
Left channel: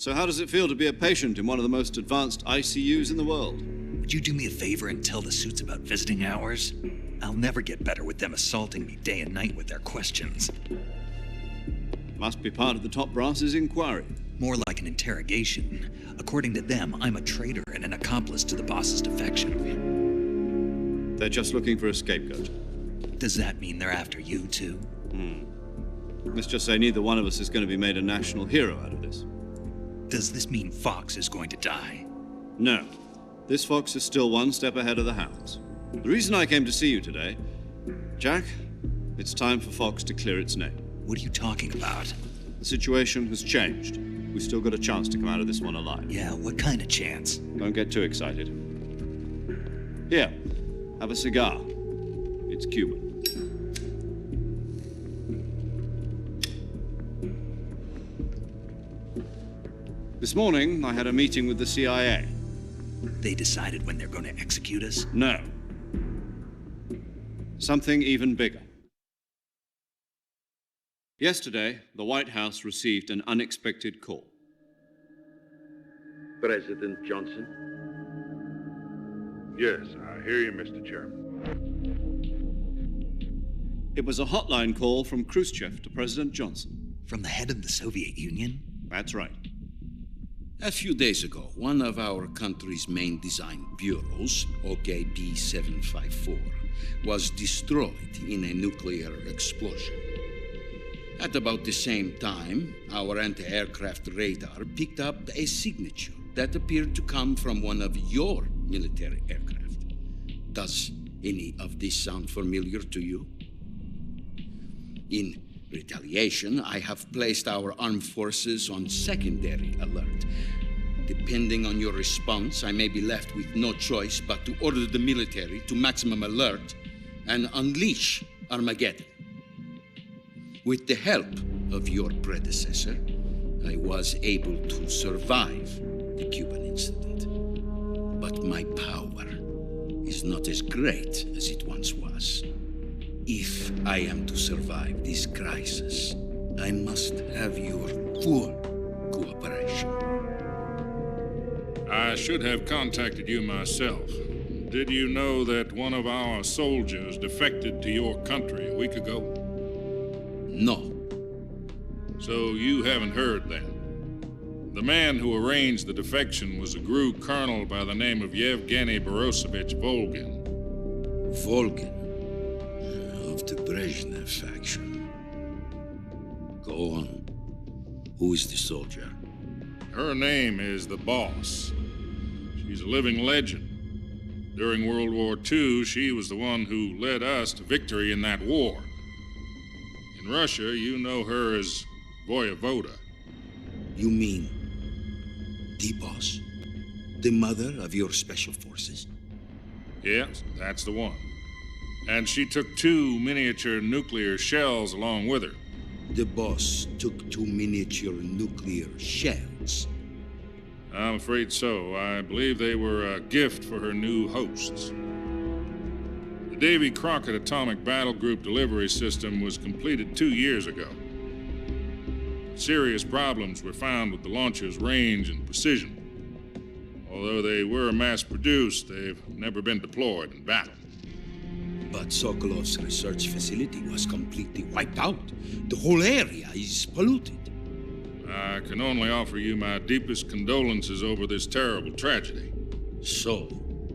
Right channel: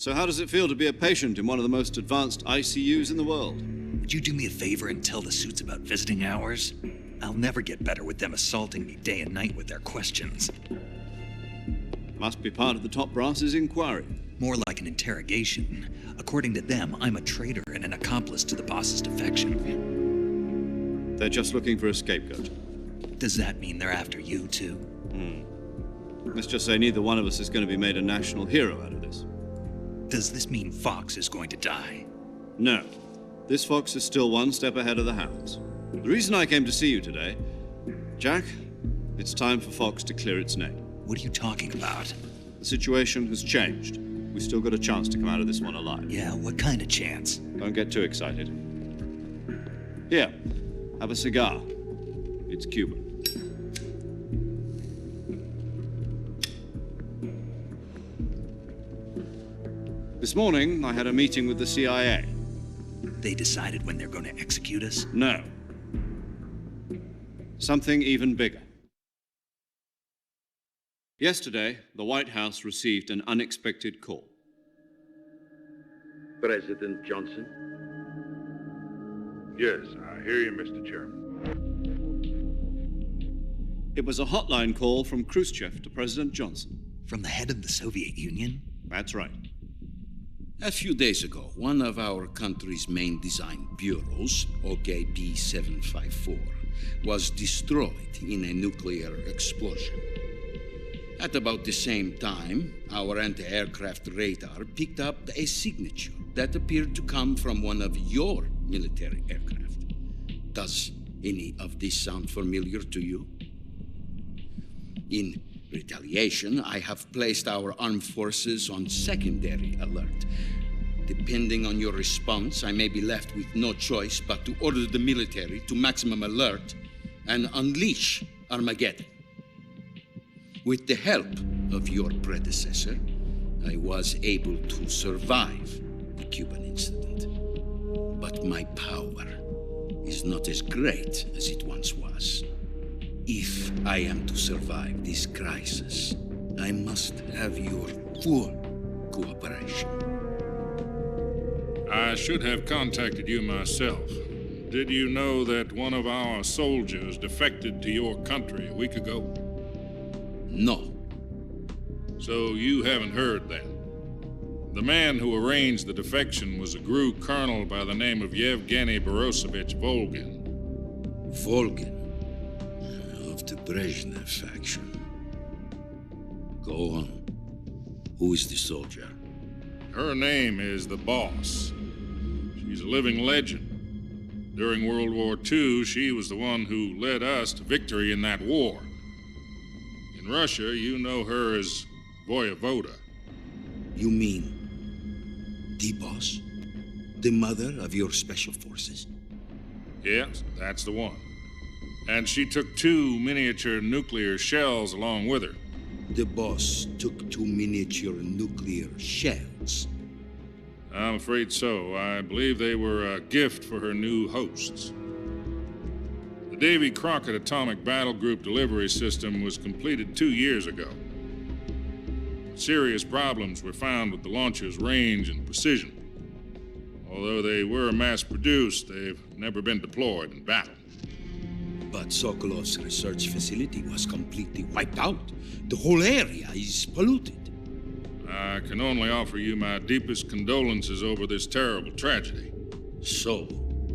So how does it feel to be a patient in one of the most advanced ICUs in the world? Would you do me a favor and tell the suits about visiting hours? I'll never get better with them assaulting me day and night with their questions. Must be part of the top brass's inquiry. More like an interrogation. According to them, I'm a traitor and an accomplice to the boss's defection. They're just looking for a scapegoat. Does that mean they're after you, too? Let's just say neither one of us is going to be made a national hero out of this. Does this mean Fox is going to die? No. This fox is still one step ahead of the hounds. The reason I came to see you today, Jack, it's time for Fox to clear its name. What are you talking about? The situation has changed. We've still got a chance to come out of this one alive. Yeah, what kind of chance? Don't get too excited. Here, have a cigar. It's Cuban. This morning, I had a meeting with the CIA. They decided when they're going to execute us? No. Something even bigger. Yesterday, the White House received an unexpected call. President Johnson? Yes, I hear you, Mr. Chairman. It was a hotline call from Khrushchev to President Johnson. From the head of the Soviet Union? That's right. A few days ago, one of our country's main design bureaus, OKB 754, was destroyed in a nuclear explosion. At about the same time, our anti-aircraft radar picked up a signature that appeared to come from one of your military aircraft. Does any of this sound familiar to you? In retaliation, I have placed our armed forces on secondary alert. Depending on your response, I may be left with no choice but to order the military to maximum alert and unleash Armageddon. With the help of your predecessor, I was able to survive the Cuban incident. But my power is not as great as it once was. If I am to survive this crisis, I must have your full cooperation. I should have contacted you myself. Did you know that one of our soldiers defected to your country a week ago? No. So you haven't heard then? The man who arranged the defection was a GRU colonel by the name of Yevgeny Borosovich Volgin. Volgin? Of the Brezhnev faction. Go on. Who is the soldier? Her name is the Boss. She's a living legend. During World War II, she was the one who led us to victory in that war. In Russia, you know her as Voyevoda. You mean the Boss? The mother of your special forces? Yes, that's the one. And she took 2 miniature nuclear shells along with her. The Boss took 2 miniature nuclear shells? I'm afraid so. I believe they were a gift for her new hosts. The Davy Crockett Atomic Battle Group delivery system was completed 2 years ago. But serious problems were found with the launcher's range and precision. Although they were mass-produced, they've never been deployed in battle. But Sokolov's research facility was completely wiped out. The whole area is polluted. I can only offer you my deepest condolences over this terrible tragedy. So,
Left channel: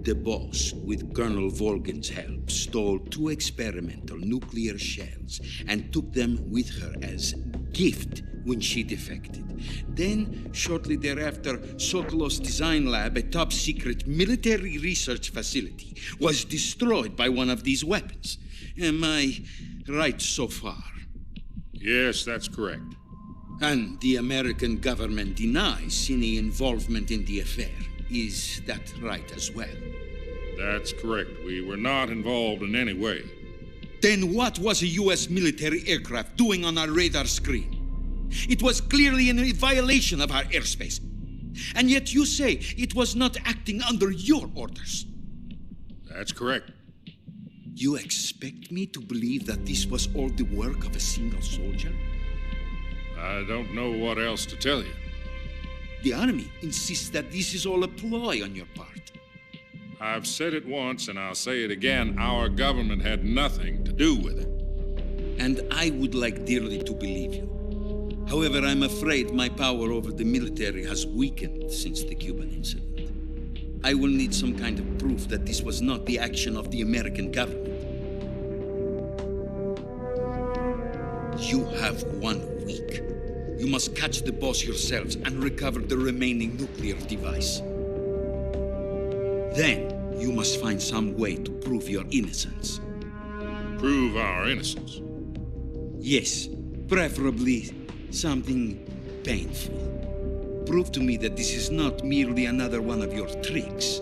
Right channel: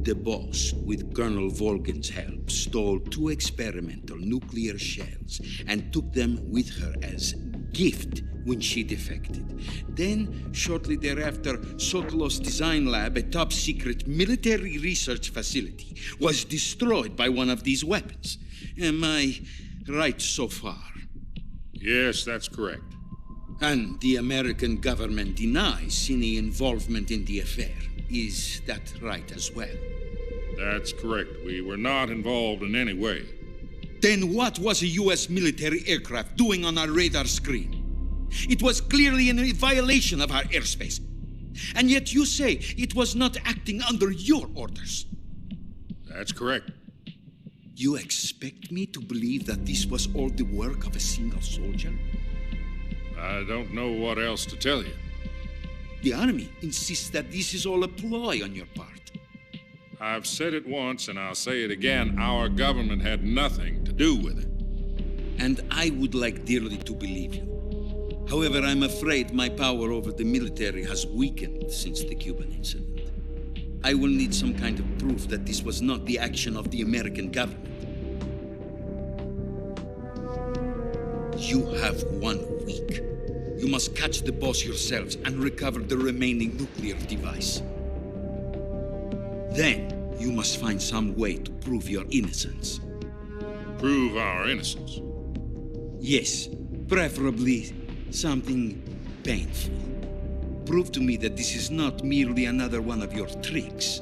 the boss, with Colonel Volgin's help, stole 2 experimental nuclear shells and took them with her as gift when she defected. Then, shortly thereafter, Sokolov's design lab, a top-secret military research facility, was destroyed by one of these weapons. Am I right so far? Yes, that's correct. And the American government denies any involvement in the affair. Is that right as well? That's correct. We were not involved in any way. Then what was a U.S. military aircraft doing on our radar screen? It was clearly in a violation of our airspace. And yet you say it was not acting under your orders. That's correct. You expect me to believe that this was all the work of a single soldier? I don't know what else to tell you. The Army insists that this is all a ploy on your part. I've said it once, and I'll say it again. Our government had nothing to do with it. And I would like dearly to believe you. However, I'm afraid my power over the military has weakened since the Cuban incident. I will need some kind of proof that this was not the action of the American government. You have 1 week. You must catch the boss yourselves and recover the remaining nuclear device. Then, you must find some way to prove your innocence. Prove our innocence? Yes, preferably something painful. Prove to me that this is not merely another one of your tricks.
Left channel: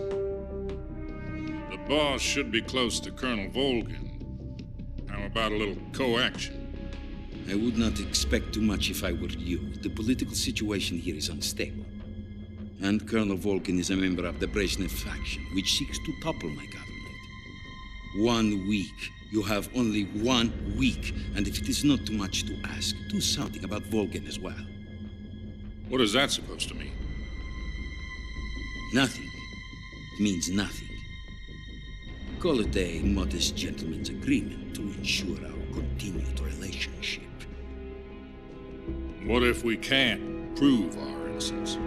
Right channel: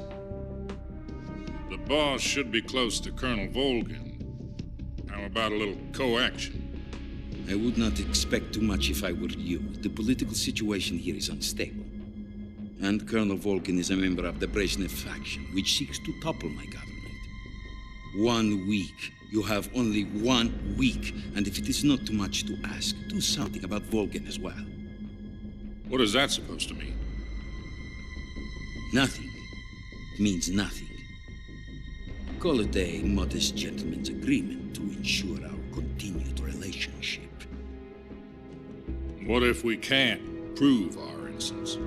The boss should be close to Colonel Volgin. How about a little coaction? I would not expect too much if I were you. The political situation here is unstable. And Colonel Volgin is a member of the Brezhnev faction, which seeks to topple my government. 1 week. You have only 1 week. And if it is not too much to ask, do something about Volgin as well. What is that supposed to mean? Nothing. It means nothing. Call it a modest gentleman's agreement to ensure our continued relationship. What if we can't prove our innocence?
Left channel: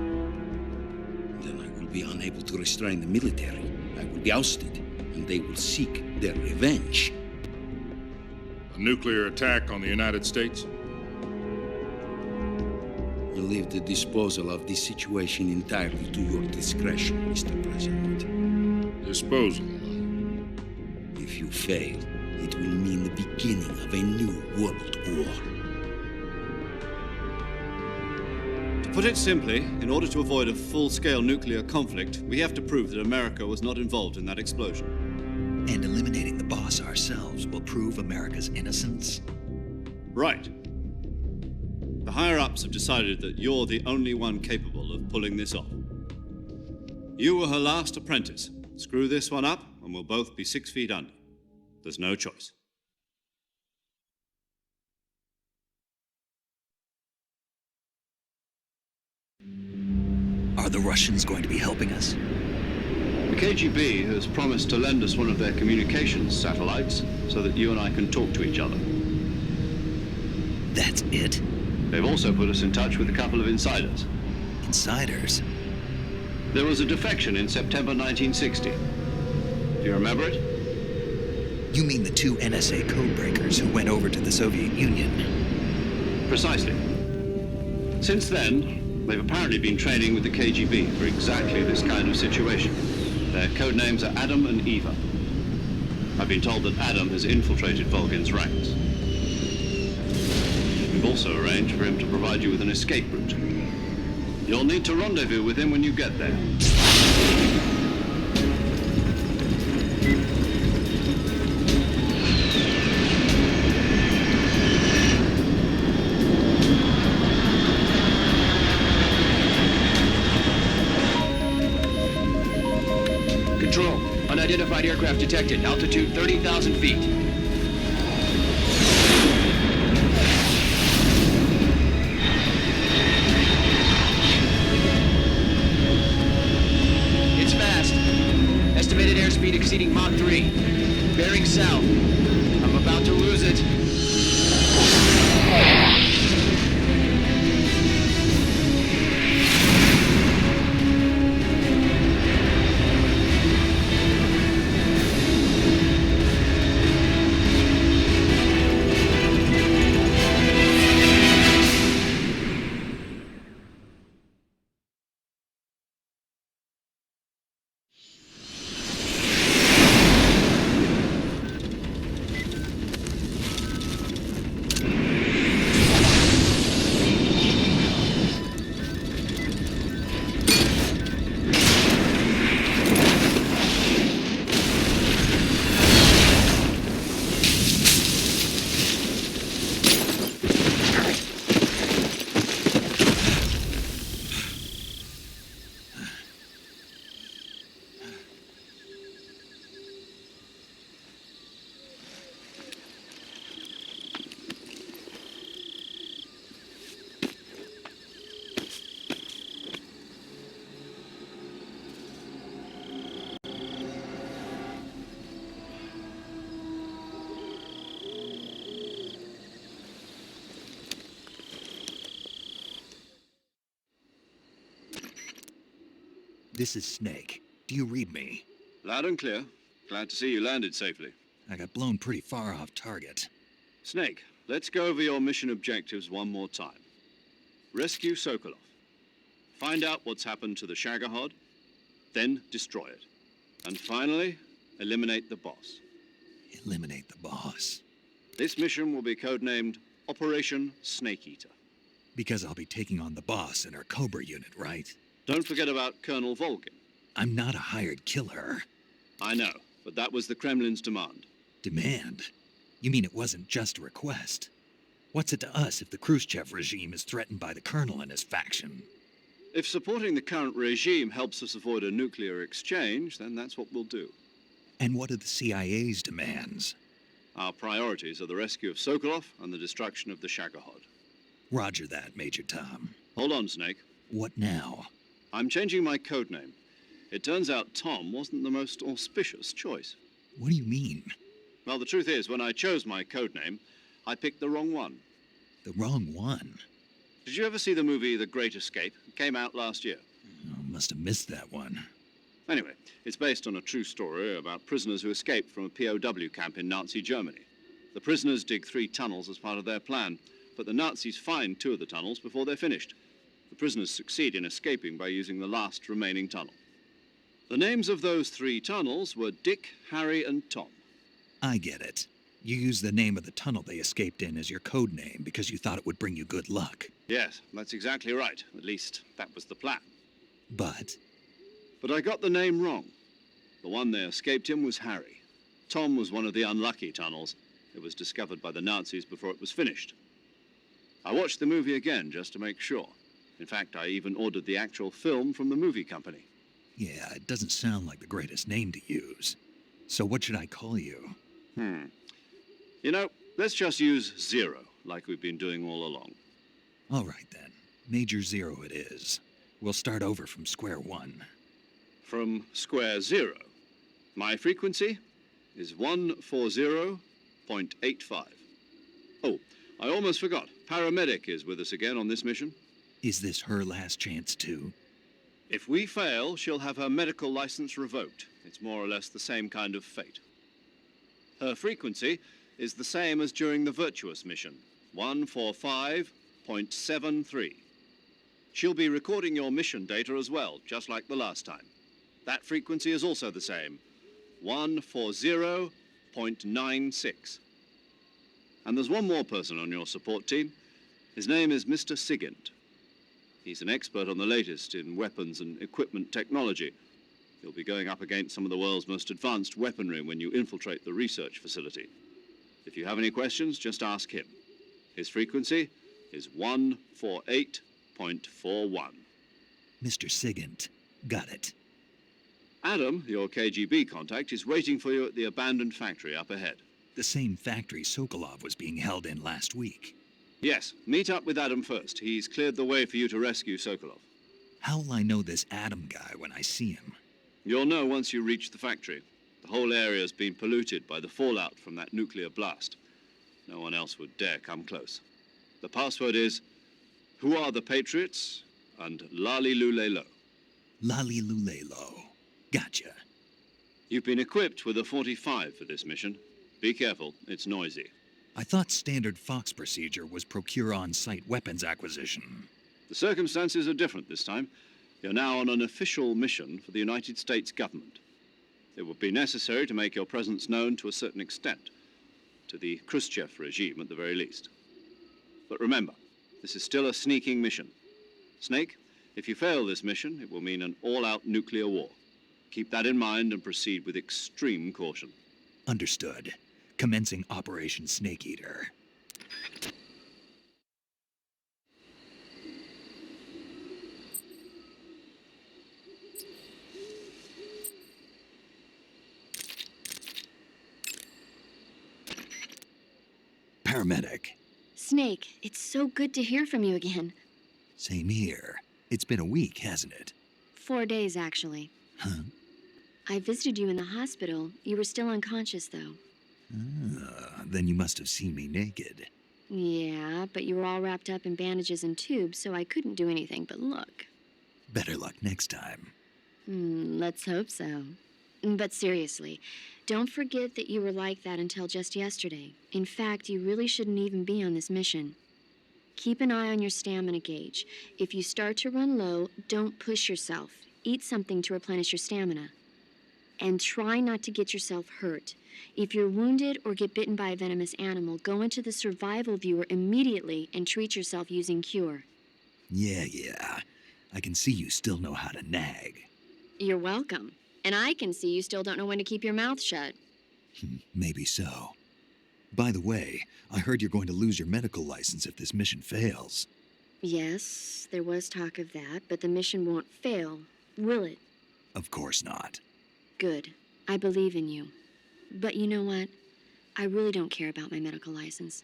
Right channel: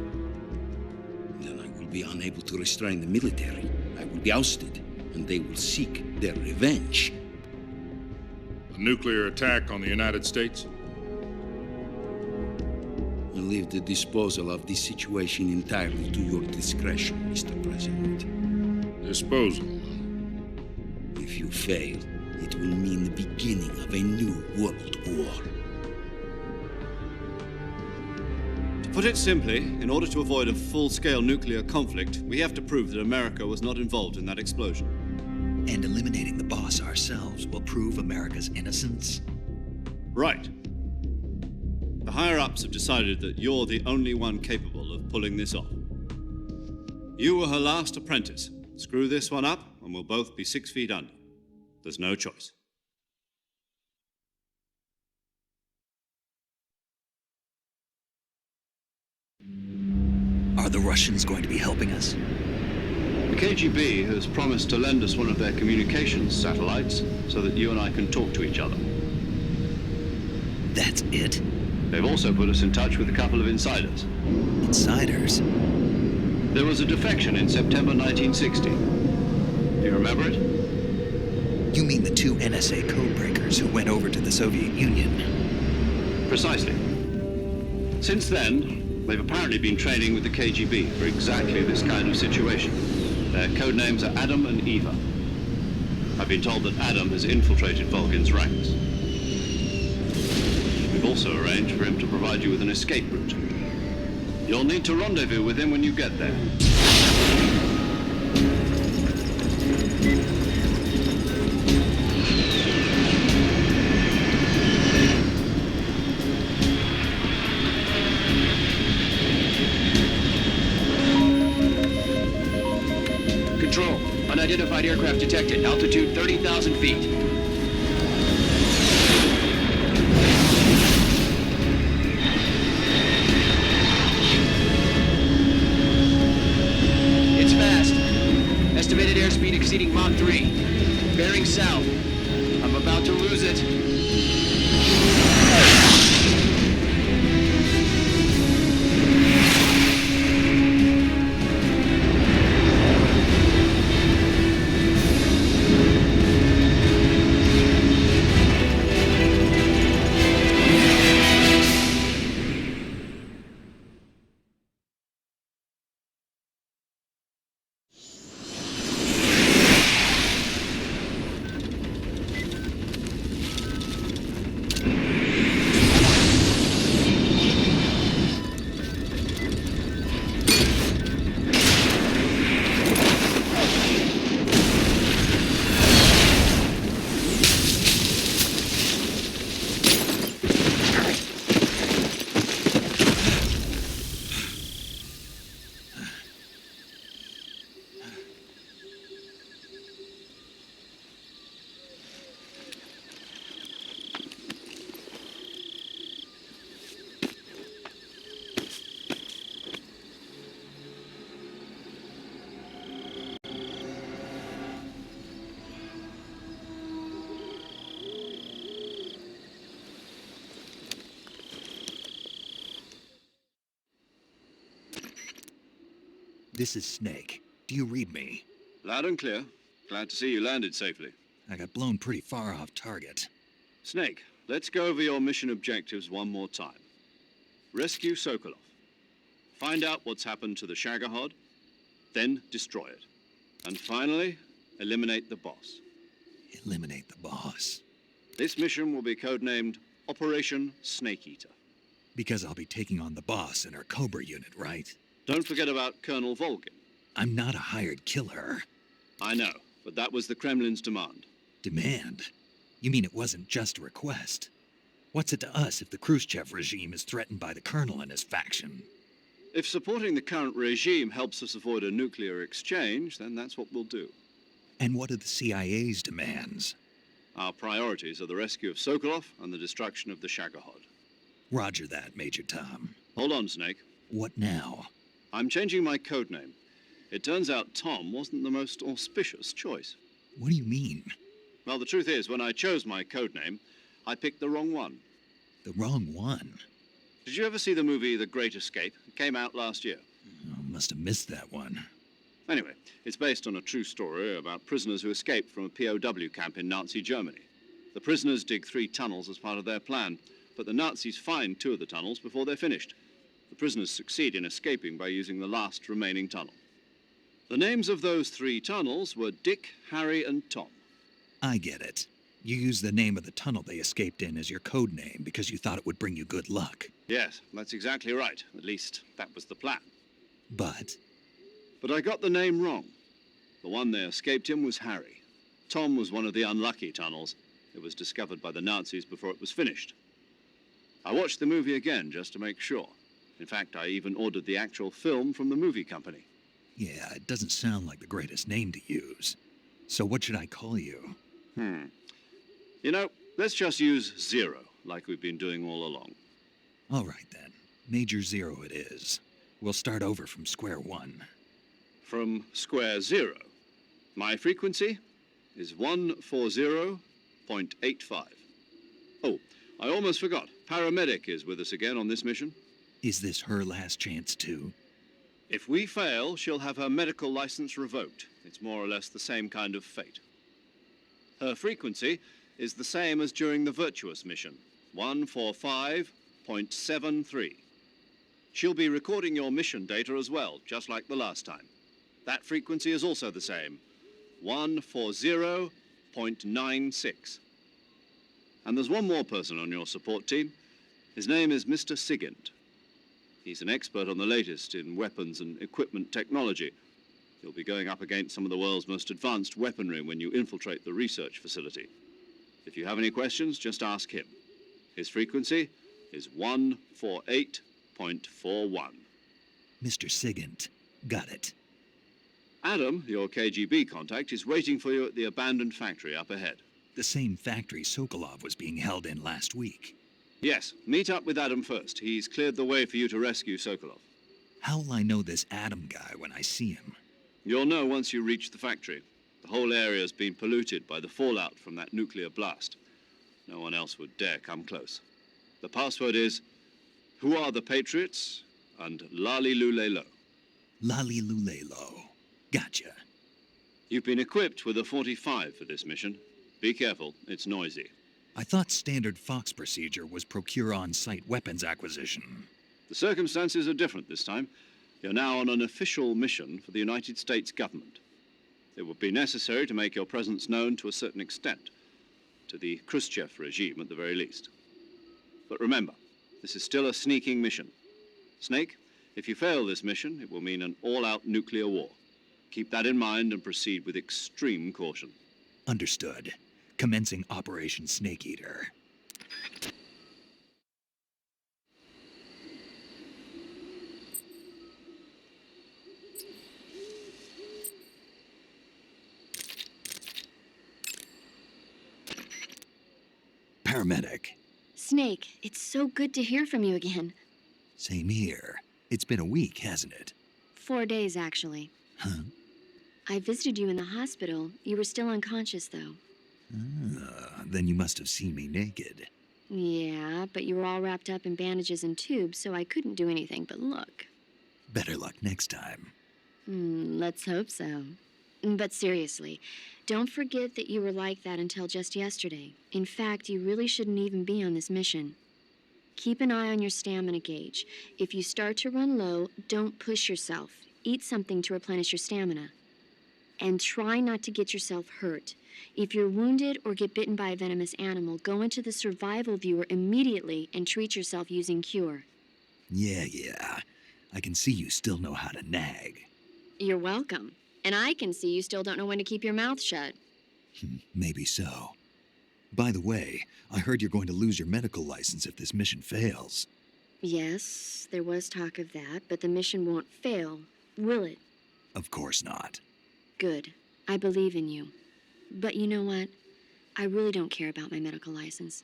Then I will be unable to restrain the military. I will be ousted, and they will seek their revenge. A nuclear attack on the United States? I leave the disposal of this situation entirely to your discretion, Mr. President. Disposal? If you fail, it will mean the beginning of a new world war. To put it simply, in order to avoid a full-scale nuclear conflict, we have to prove that America was not involved in that explosion. And eliminating the boss ourselves will prove America's innocence? Right. The higher-ups have decided that you're the only one capable of pulling this off. You were her last apprentice. Screw this one up, and we'll both be 6 feet under. There's no choice. Are the Russians going to be helping us? The KGB has promised to lend us one of their communications satellites so that you and I can talk to each other. That's it? They've also put us in touch with a couple of insiders. Insiders? There was a defection in September 1960. Do you remember it? You mean the 2 NSA codebreakers who went over to the Soviet Union? Precisely. Since then, they've apparently been training with the KGB for exactly this kind of situation. Their codenames are Adam and Eva. I've been told that Adam has infiltrated Volgin's ranks. We've also arranged for him to provide you with an escape route. You'll need to rendezvous with him when you get there. Control. Unidentified aircraft detected. Altitude 30,000 feet. It's fast. Estimated airspeed exceeding Mach 3. Bearing south. I'm about to lose it. This is Snake. Do you read me? Loud and clear. Glad to see you landed safely. I got blown pretty far off target. Snake, let's go over your mission objectives one more time. Rescue Sokolov. Find out what's happened to the Shagohod, then destroy it. And finally, eliminate the boss. Eliminate the boss. This mission will be codenamed Operation Snake Eater. Because I'll be taking on the boss in our Cobra unit, right? Don't forget about Colonel Volgin. I'm not a hired killer. I know, but that was the Kremlin's demand. Demand? You mean it wasn't just a request? What's it to us if the Khrushchev regime is threatened by the Colonel and his faction? If supporting the current regime helps us avoid a nuclear exchange, then that's what we'll do. And what are the CIA's demands? Our priorities are the rescue of Sokolov and the destruction of the Shagohod. Roger that, Major Tom. Hold on, Snake. What now? I'm changing my codename. It turns out Tom wasn't the most auspicious choice. What do you mean? Well, the truth is, when I chose my codename, I picked the wrong one. The wrong one? Did you ever see the movie The Great Escape? It came out last year. Oh, must have missed that one. Anyway, it's based on a true story about prisoners who escaped from a POW camp in Nazi Germany. The prisoners dig 3 tunnels as part of their plan, but the Nazis find 2 of the tunnels before they're finished. The prisoners succeed in escaping by using the last remaining tunnel. The names of those 3 tunnels were Dick, Harry, and Tom. I get it. You used the name of the tunnel they escaped in as your code name because you thought it would bring you good luck. Yes, that's exactly right. At least, that was the plan. But I got the name wrong. The one they escaped in was Harry. Tom was one of the unlucky tunnels. It was discovered by the Nazis before it was finished. I watched the movie again just to make sure. In fact, I even ordered the actual film from the movie company. yeah, it doesn't sound like the greatest name to use. So what should I call you? You know, let's just use Zero, like we've been doing all along. All right then. Major Zero it is. We'll start over from square one. From square 0. My frequency is 140.85. Oh, I almost forgot. Paramedic is with us again on this mission. Is this her last chance too? If we fail, she'll have her medical license revoked. It's more or less the same kind of fate. Her frequency is the same as during the Virtuous Mission, 145.73. She'll be recording your mission data as well, just like the last time. That frequency is also the same, 140.96. And there's one more person on your support team. His name is Mr. Sigint. He's an expert on the latest in weapons and equipment technology. You'll be going up against some of the world's most advanced weaponry when you infiltrate the research facility. If you have any questions, just ask him. His frequency is 148.41. Mr. Sigint. Got it. Adam, your KGB contact, is waiting for you at the abandoned factory up ahead. The same factory Sokolov was being held in last week. Yes, meet up with Adam first. He's cleared the way for you to rescue Sokolov. How'll I know this Adam guy when I see him? You'll know once you reach the factory. The whole area's been polluted by the fallout from that nuclear blast. No one else would dare come close. The password is, "Who are the Patriots?" and Lali Lulelo. Lali Lulelo. Gotcha. You've been equipped with a 45 for this mission. Be careful, it's noisy. I thought standard Fox procedure was procure on-site weapons acquisition. The circumstances are different this time. You're now on an official mission for the United States government. It would be necessary to make your presence known to a certain extent, to the Khrushchev regime at the very least. But remember, this is still a sneaking mission. Snake, if you fail this mission, it will mean an all-out nuclear war. Keep that in mind and proceed with extreme caution. Understood. Commencing Operation Snake Eater. Paramedic. Snake, it's so good to hear from you again. Same here. It's been a week, hasn't it? 4 days, actually. Huh? I visited you in the hospital. You were still unconscious, though. Then you must have seen me naked. Yeah, but you were all wrapped up in bandages and tubes, so I couldn't do anything but look. Better luck next time. Let's hope so. But seriously, don't forget that you were like that until just yesterday. In fact, you really shouldn't even be on this mission. Keep an eye on your stamina gauge. If you start to run low, don't push yourself. Eat something to replenish your stamina. And try not to get yourself hurt. If you're wounded or get bitten by a venomous animal, go into the survival viewer immediately and treat yourself using Cure. Yeah. I can see you still know how to nag. You're welcome. And I can see you still don't know when to keep your mouth shut. Maybe so. By the way, I heard you're going to lose your medical license if this mission fails. Yes, there was talk of that, but the mission won't fail, will it? Of course not. Good. I believe in you. But you know what? I really don't care about my medical license.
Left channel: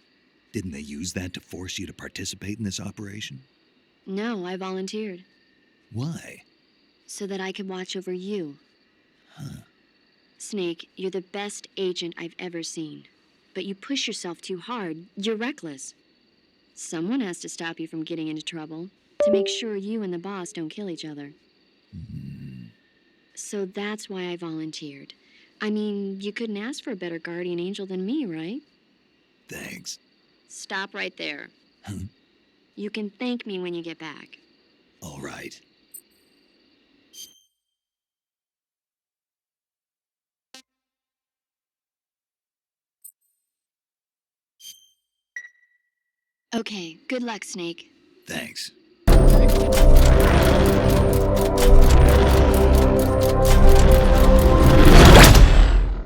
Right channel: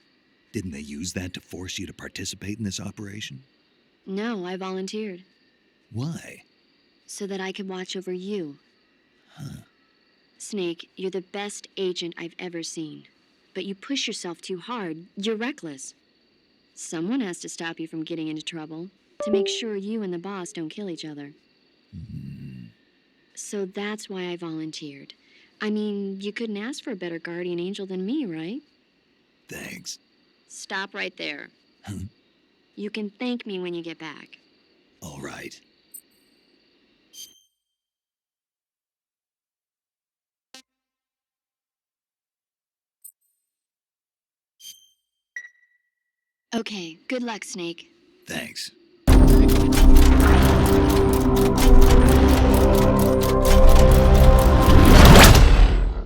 Didn't they use that to force you to participate in this operation? No, I volunteered. Why? So that I could watch over you. Huh. Snake, you're the best agent I've ever seen. But you push yourself too hard. You're reckless. Someone has to stop you from getting into trouble, to make sure you and the boss don't kill each other. So that's why I volunteered. I mean, you couldn't ask for a better guardian angel than me, right? Thanks. Stop right there. Huh? You can thank me when you get back. All right. Okay, good luck, Snake. Thanks.